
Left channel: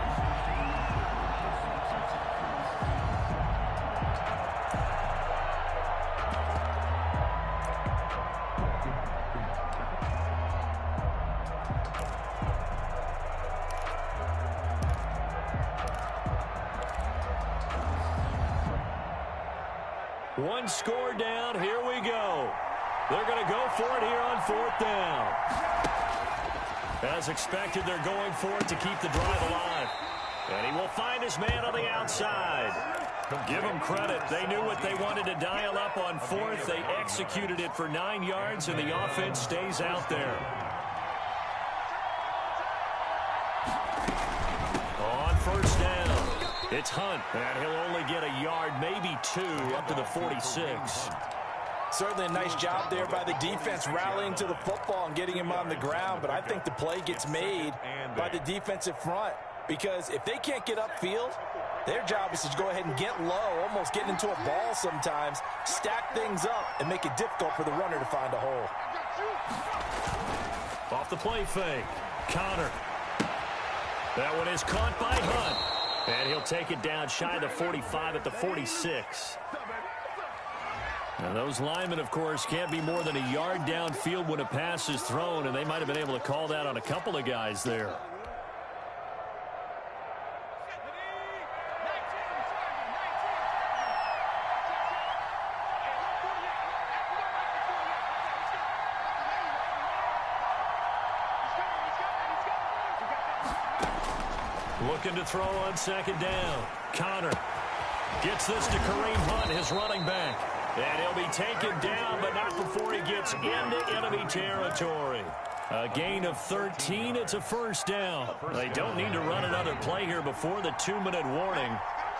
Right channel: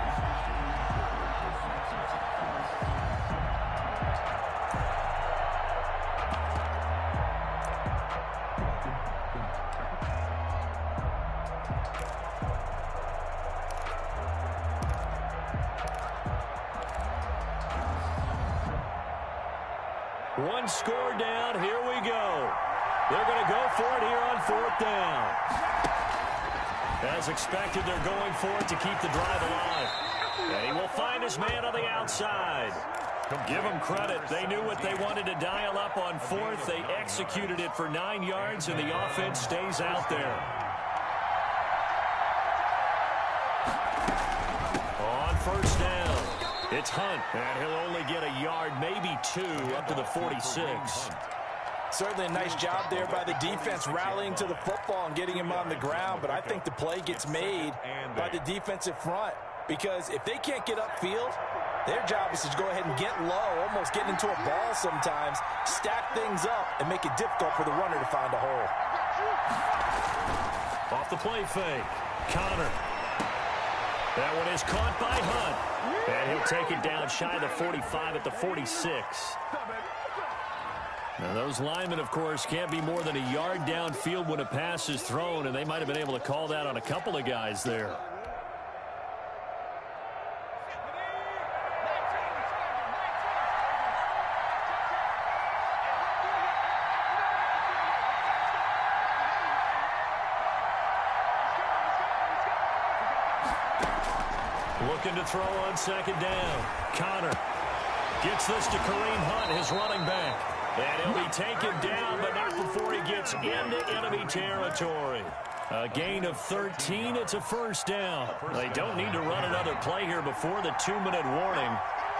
One score down. Here we go. They're going to go for it here on 4th down. As expected, they're going for it to keep the drive alive. And he will find his man on the outside. Give them credit. They knew what they wanted to dial up on 4th. They executed it for 9 yards, and the offense stays out there. It's Hunt, and he'll only get a yard, maybe 2, up to the 46. Certainly a nice job there by the defense rallying to the football and getting him on the ground, but I think the play gets made by the defensive front because if they can't get upfield, their job is to go ahead and get low, almost get into a ball sometimes, stack things up, and make it difficult for the runner to find a hole. Off the play fake, Connor. That one is caught by Hunt. And he'll take it down shy of the 45 at the 46. Now, those linemen, of course, can't be more than a yard downfield when a pass is thrown, and they might have been able to call that on a couple of guys there. Looking to throw on second down. Connor gets this to Kareem Hunt, his running back. And he'll be taken down, but not before he gets into enemy territory. A gain of 13. It's a first down. They don't need to run another play here before the 2-minute warning.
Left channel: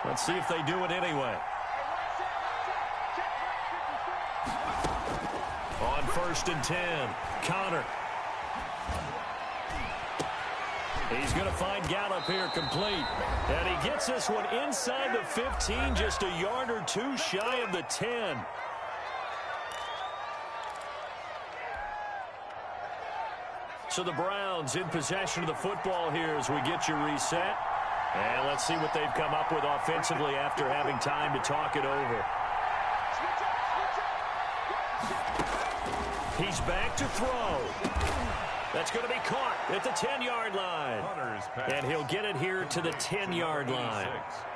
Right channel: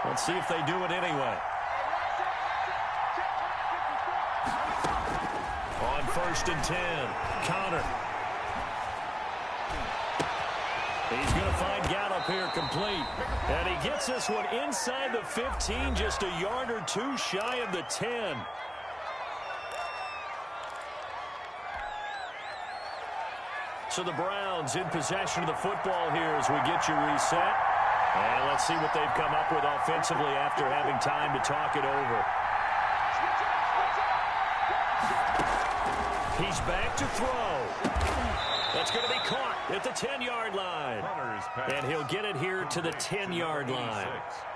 Let's see if they do it anyway. On 1st and 10, Connor. He's going to find Gallup here complete. And he gets this one inside the 15, just a yard or 2 shy of the 10. So the Browns in possession of the football here as we get you reset. And let's see what they've come up with offensively after having time to talk it over. He's back to throw. That's going to be caught at the 10-yard line. And he'll get it here to the 10-yard line.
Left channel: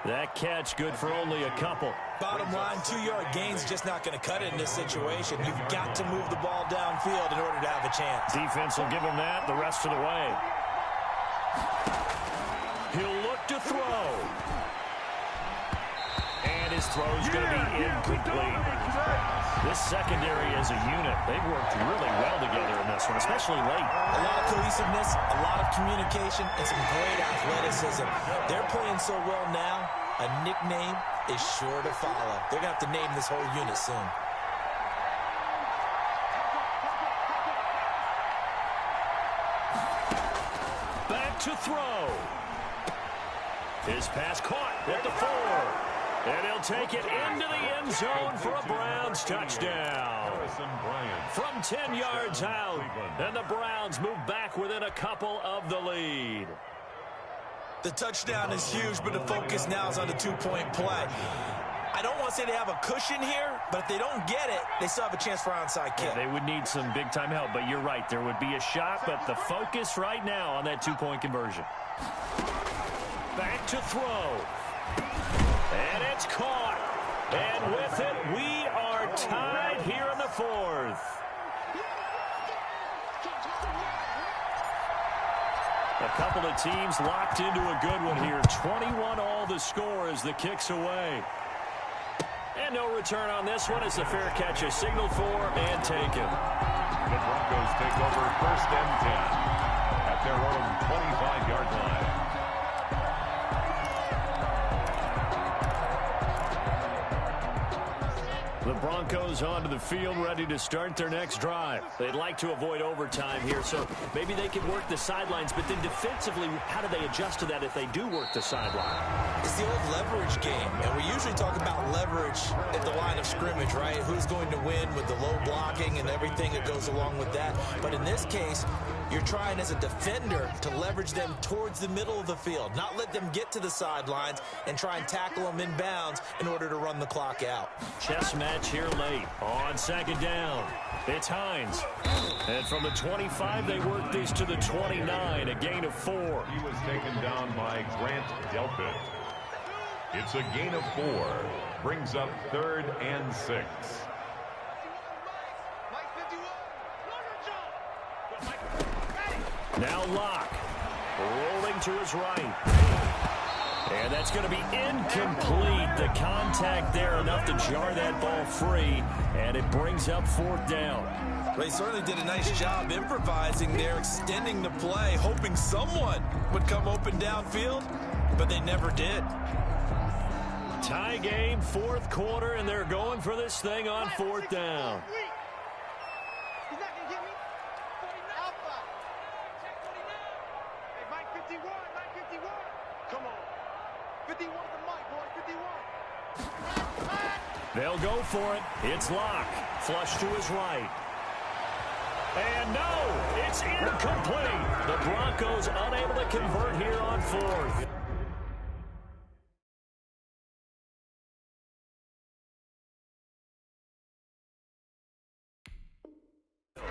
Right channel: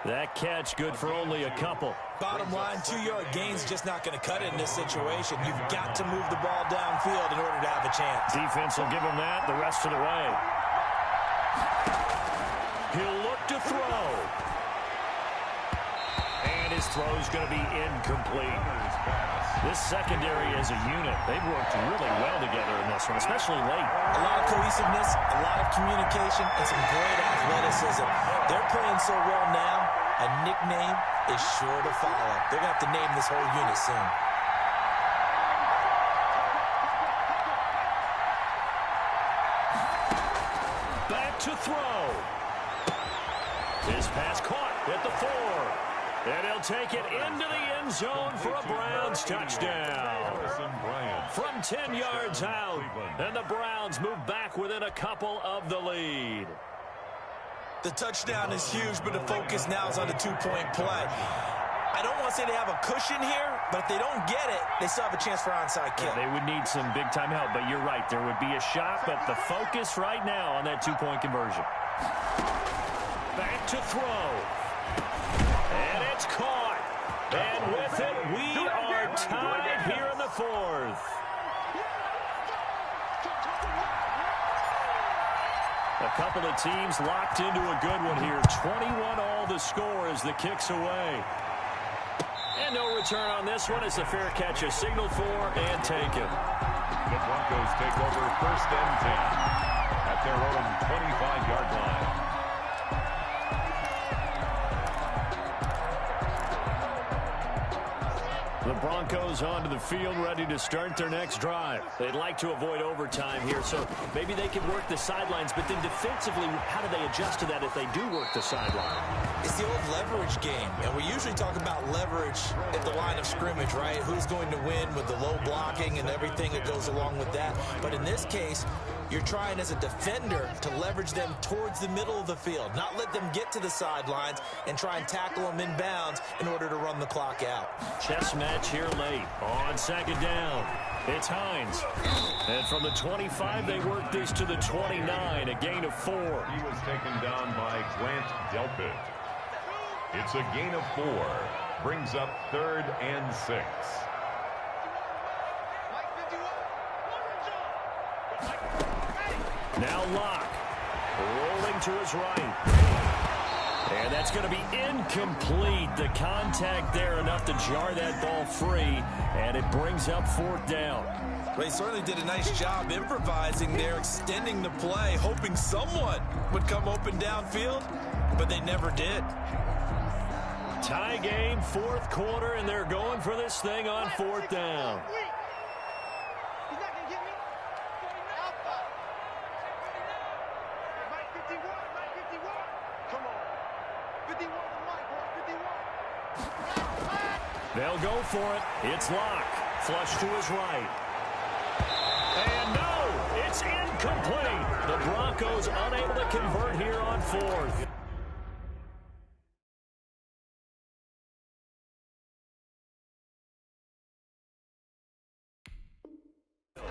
That catch good for only a couple. Bottom line, 2-yard gain's just not going to cut it in this situation. You've got to move the ball downfield in order to have a chance. Defense will give him that the rest of the way. He'll look to throw. And his throw's going to be incomplete. This secondary as a unit, they've worked really well together in this one, especially late. A lot of cohesiveness, a lot of communication, and some great athleticism. They're playing so well now, a nickname is sure to follow. They're going to have to name this whole unit soon. Back to throw. His pass caught at the 4. And he'll take it into the end zone for a Browns touchdown. From 10 yards out. And the Browns move back within a couple of the lead. The touchdown is huge, but the focus now is on the 2-point play. I don't want to say they have a cushion here, but if they don't get it, they still have a chance for onside kick. Yeah, they would need some big-time help, but you're right. There would be a shot, but the focus right now on that 2-point conversion. Back to throw. And it's caught. And with it, we are tied here in the 4th. A couple of teams locked into a good one here. 21 all the score as the kick's away. And no return on this one as the fair catch is signaled for and taken. The Broncos take over 1st and 10 at their own 25-yard line. The Broncos onto the field, ready to start their next drive. They'd like to avoid overtime here, so maybe they can work the sidelines, but then defensively, how do they adjust to that if they do work the sideline? It's the old leverage game, and we usually talk about leverage at the line of scrimmage, right? Who's going to win with the low blocking and everything that goes along with that. But in this case, you're trying as a defender to leverage them towards the middle of the field, not let them get to the sidelines and try and tackle them in bounds in order to run the clock out. Chess match here late on 2nd down. It's Hines. And from the 25, they work this to the 29, a gain of 4. He was taken down by Grant Delpit. It's a gain of 4. Brings up 3rd and 6. Now Locke, rolling to his right. And that's going to be incomplete. The contact there enough to jar that ball free, and it brings up 4th down. They certainly did a nice job improvising there, extending the play, hoping someone would come open downfield, but they never did. Tie game, fourth quarter, and they're going for this thing on fourth down. He's not going to get me. Alpha. Hey, Mike 51, Mike 51. Come on. 51's the mic, boy, 51. They'll go for it. It's Locke. Flush to his right. And no, it's incomplete. The Broncos unable to convert here on fourth.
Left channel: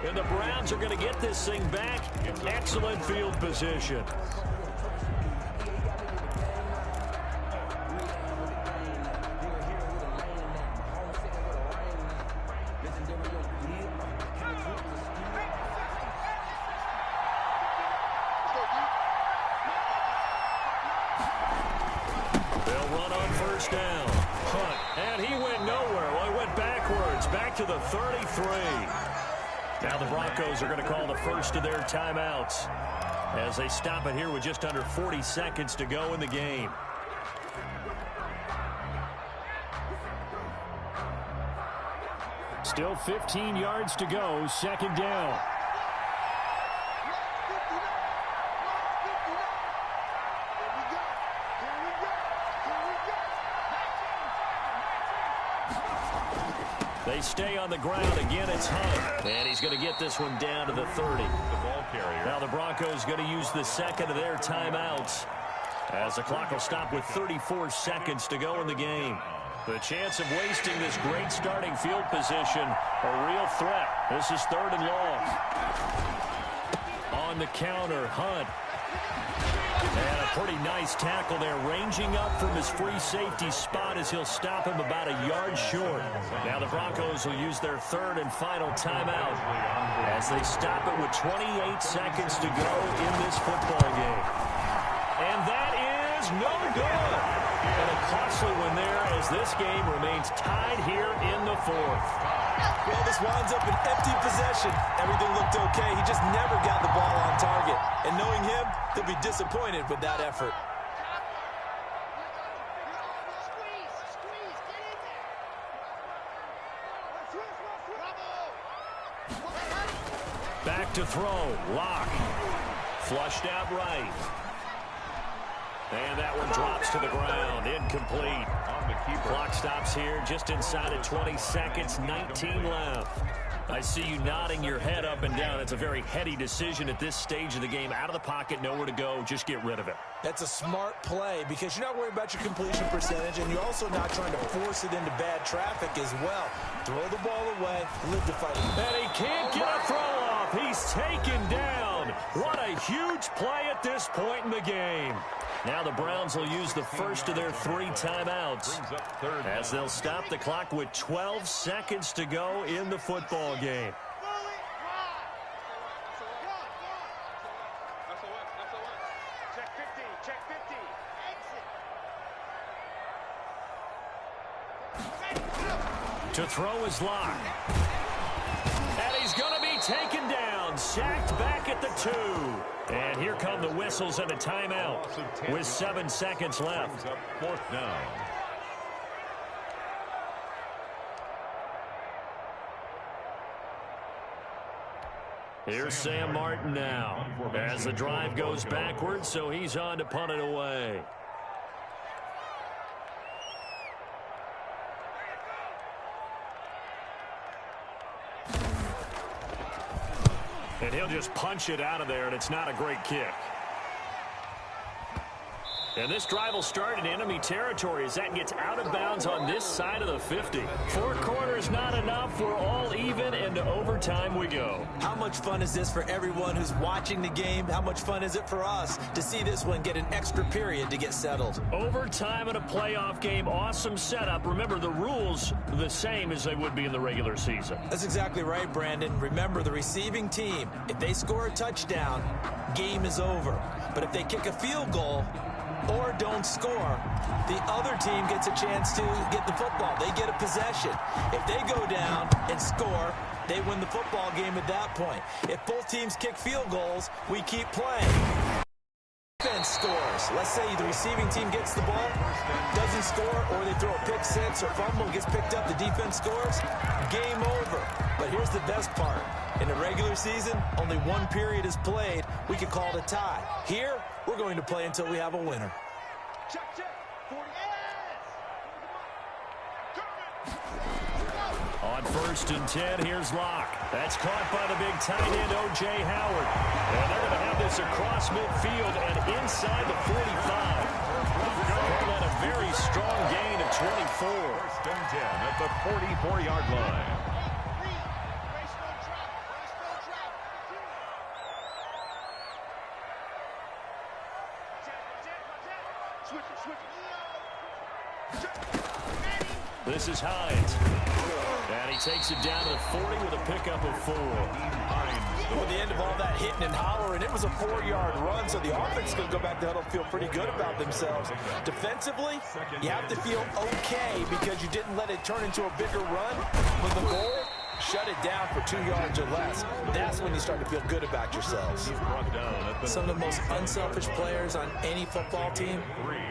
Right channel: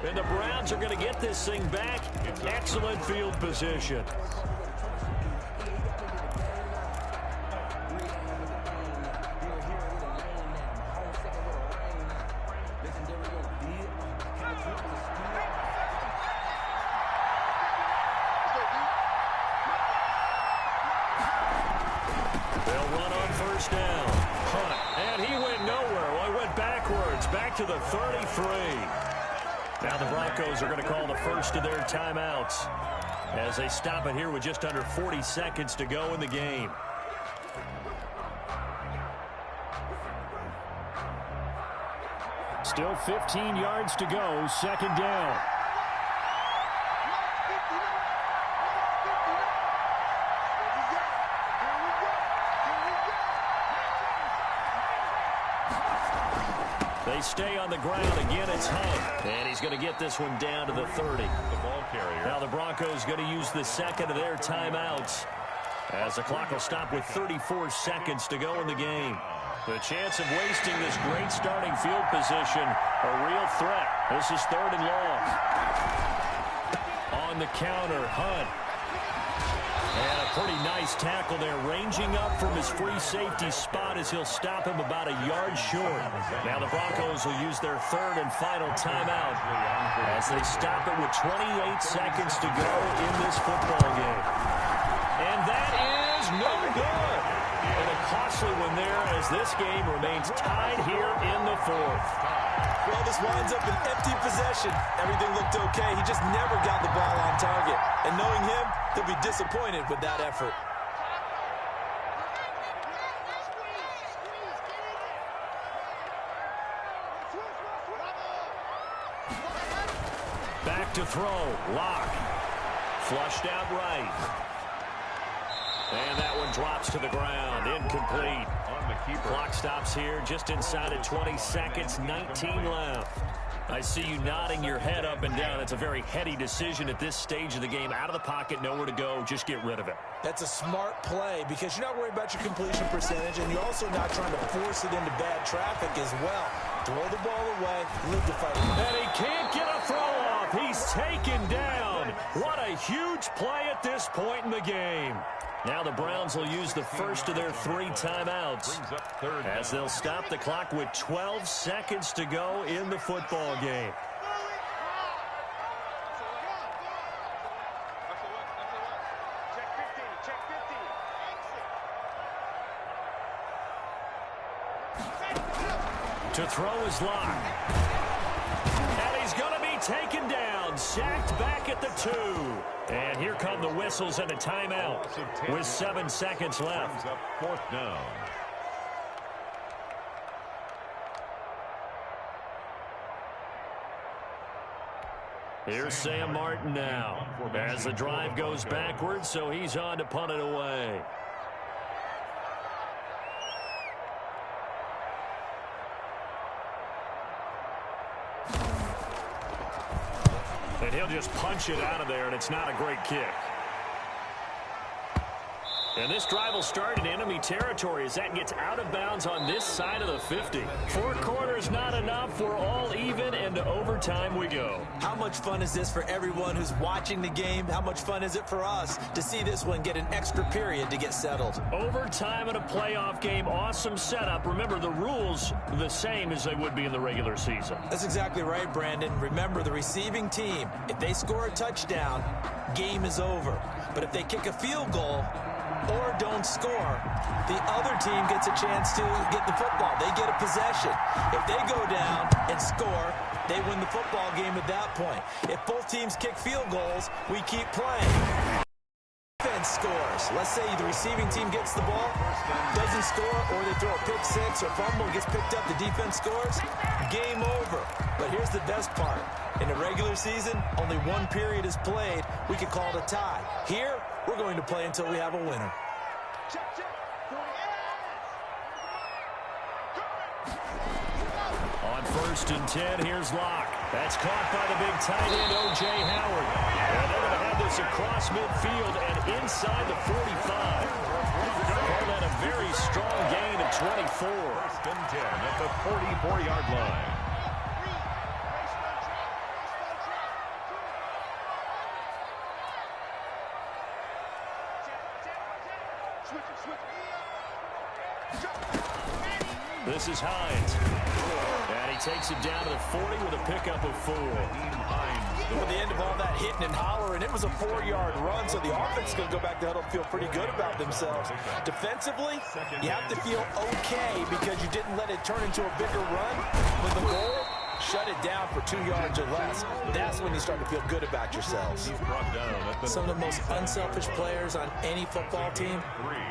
And the Browns are going to get this thing back. Excellent field position. They'll run on first down. Hunt. And he went nowhere. Well, he went backwards. Back to the 33. Now the Broncos are going to call the first of their timeouts as they stop it here with just under 40 seconds to go in the game. Still 15 yards to go, second down. They stay on the ground. Again, it's Hunt. And he's going to get this one down to the 30. The ball carrier. Now the Broncos going to use the second of their timeouts as the clock will stop with 34 seconds to go in the game. The chance of wasting this great starting field position, a real threat. This is third and long. On the counter, Hunt. And a pretty nice tackle there, ranging up from his free safety spot as he'll stop him about a yard short. Now the Broncos will use their third and final timeout as they stop it with 28 seconds to go in this football game. And that is no good. And a costly one there as this game remains tied here in the fourth. Well, this winds up an empty possession. Everything looked okay. He just never got the ball on target. And knowing him, he'll be disappointed with that effort. Back to throw. Locke. Flushed out right. And that one drops to the ground. Incomplete. On the keeper. Clock stops here just inside of 20 seconds. 19 left. I see you nodding your head up and down. It's a very heady decision at this stage of the game. Out of the pocket, nowhere to go. Just get rid of it. That's a smart play because you're not worried about your completion percentage, and you're also not trying to force it into bad traffic as well. Throw the ball away, live to fight it. And he can't get a throw off. He's taken down. What a huge play at this point in the game. Now the Browns will use the first of their three timeouts as they'll stop the clock with 12 seconds to go in the football game. To throw is Locke. And he's going to be taken down. Sacked back at the 2. And here come the whistles and a timeout with 7 seconds left. Up fourth down. Here's Sam Martin now as the drive goes backwards, so he's on to punt it away. And he'll just punch it out of there, and it's not a great kick. And this drive will start in enemy territory as that gets out of bounds on this side of the 50. 4 quarters not enough. We're all even, and to overtime we go. How much fun is this for everyone who's watching the game? How much fun is it for us to see this one get an extra period to get settled? Overtime in a playoff game, awesome setup. Remember, the rules are the same as they would be in the regular season. That's exactly right, Brandon. Remember, the receiving team, if they score a touchdown, game is over. But if they kick a field goal or don't score, the other team gets a chance to get the football. They get a possession. If they go down and score, they win the football game at that point. If both teams kick field goals, we keep playing. defense scores. Let's say the receiving team gets the ball, doesn't score, or they throw a pick six or fumble, gets picked up, the defense scores, game over. But here's the best part. In the regular season, only one period is played. We could call it a tie. Here, we're going to play until we have a winner. Check, check. 40. On 1st and 10, here's Locke. That's caught by the big tight end, O.J. Howard. And they're going to have this across midfield and inside the 45. Call that a very strong gain of 24. 1st and 10 at the 44-yard line. This is Hines. And he takes it down to the 40 with a pickup of 4. With the end of all that hitting and hollering, it was a 4-yard run, so the offense is going to go back to huddle and feel pretty good about themselves. Defensively, you have to feel okay because you didn't let it turn into a bigger run. But the goal, shut it down for 2 yards or less. That's when you start to feel good about yourselves. Some of the most unselfish players on any football team,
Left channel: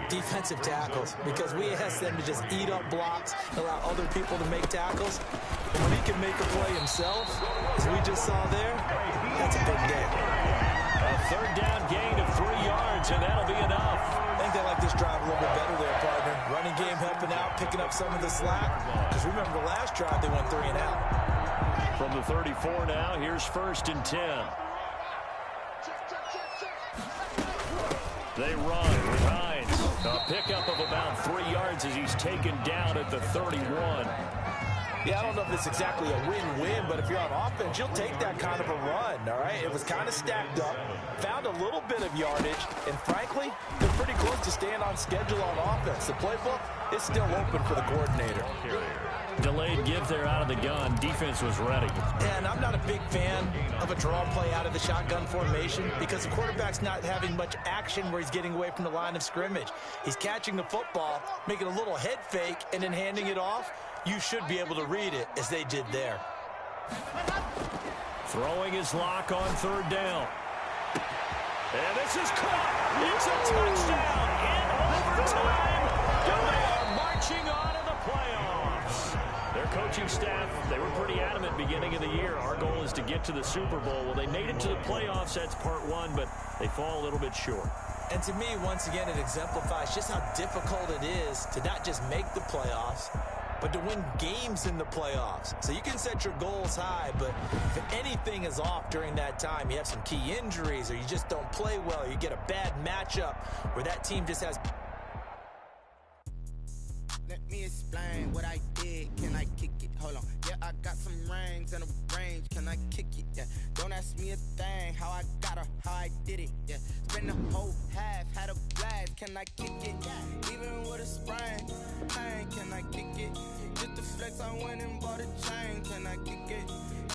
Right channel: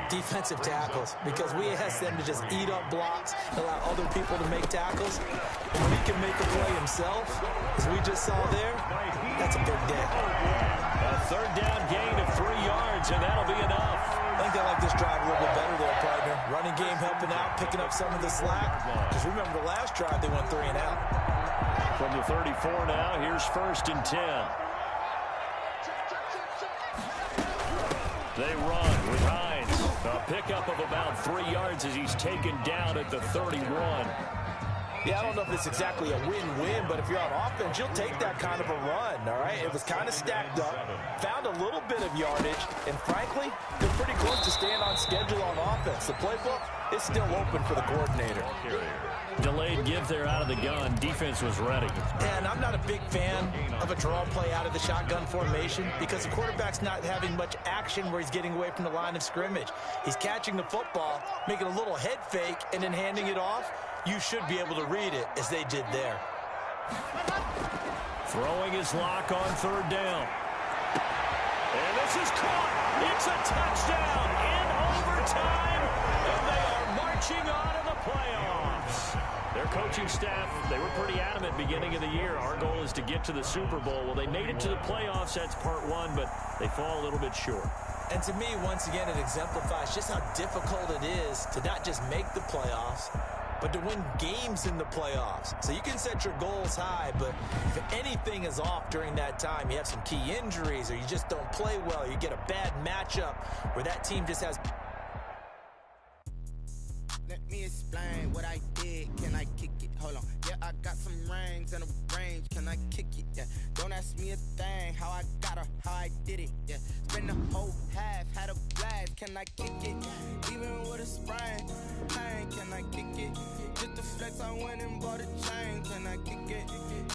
defensive tackles, because we ask them to just eat up blocks, allow other people to make tackles. And when he can make a play himself, as we just saw there, that's a big day. A 3rd down gain of 3 yards, and that'll be enough. I think they like this drive a little bit better there, partner. Running game helping out, picking up some of the slack. Because remember the last drive, they went 3 and out. From the 34 now, here's 1st and 10. They run with Hines. A pickup of about 3 yards as he's taken down at the 31. Yeah, I don't know if it's exactly a win-win, but if you're on offense, you'll take that kind of a run, all right? It was kind of stacked up, found a little bit of yardage, and frankly, they're pretty close to staying on schedule on offense. The playbook is still open for the coordinator. Delayed give there out of the gun. Defense was ready. And I'm not a big fan of a draw play out of the shotgun formation because the quarterback's not having much action where he's getting away from the line of scrimmage. He's catching the football, making a little head fake, and then handing it off. You should be able to read it as they did there. Throwing his Locke on 3rd down. And this is caught. It's a touchdown in overtime. And they are marching on to the playoffs. Their coaching staff, they were pretty adamant beginning of the year. Our goal is to get to the Super Bowl. Well, they made it to the playoffs. That's part 1, but they fall a little bit short. And to me, once again, it exemplifies just how difficult it is to not just make the playoffs, but to win games in the playoffs. So you can set your goals high, but if anything is off during that time, you have some key injuries or you just don't play well, you get a bad matchup where that team just has... Let me explain what I did. Can I kick it? Hold on. Yeah, I got some rings and a range. Can I kick it? Yeah. Don't ask me a thing. How I got her, how I did it. Yeah. Spend the whole half, had a blast. Can I kick it? Even with a sprain, pain. Can I kick it? Just the flex, I went and bought a chain. Can I kick it?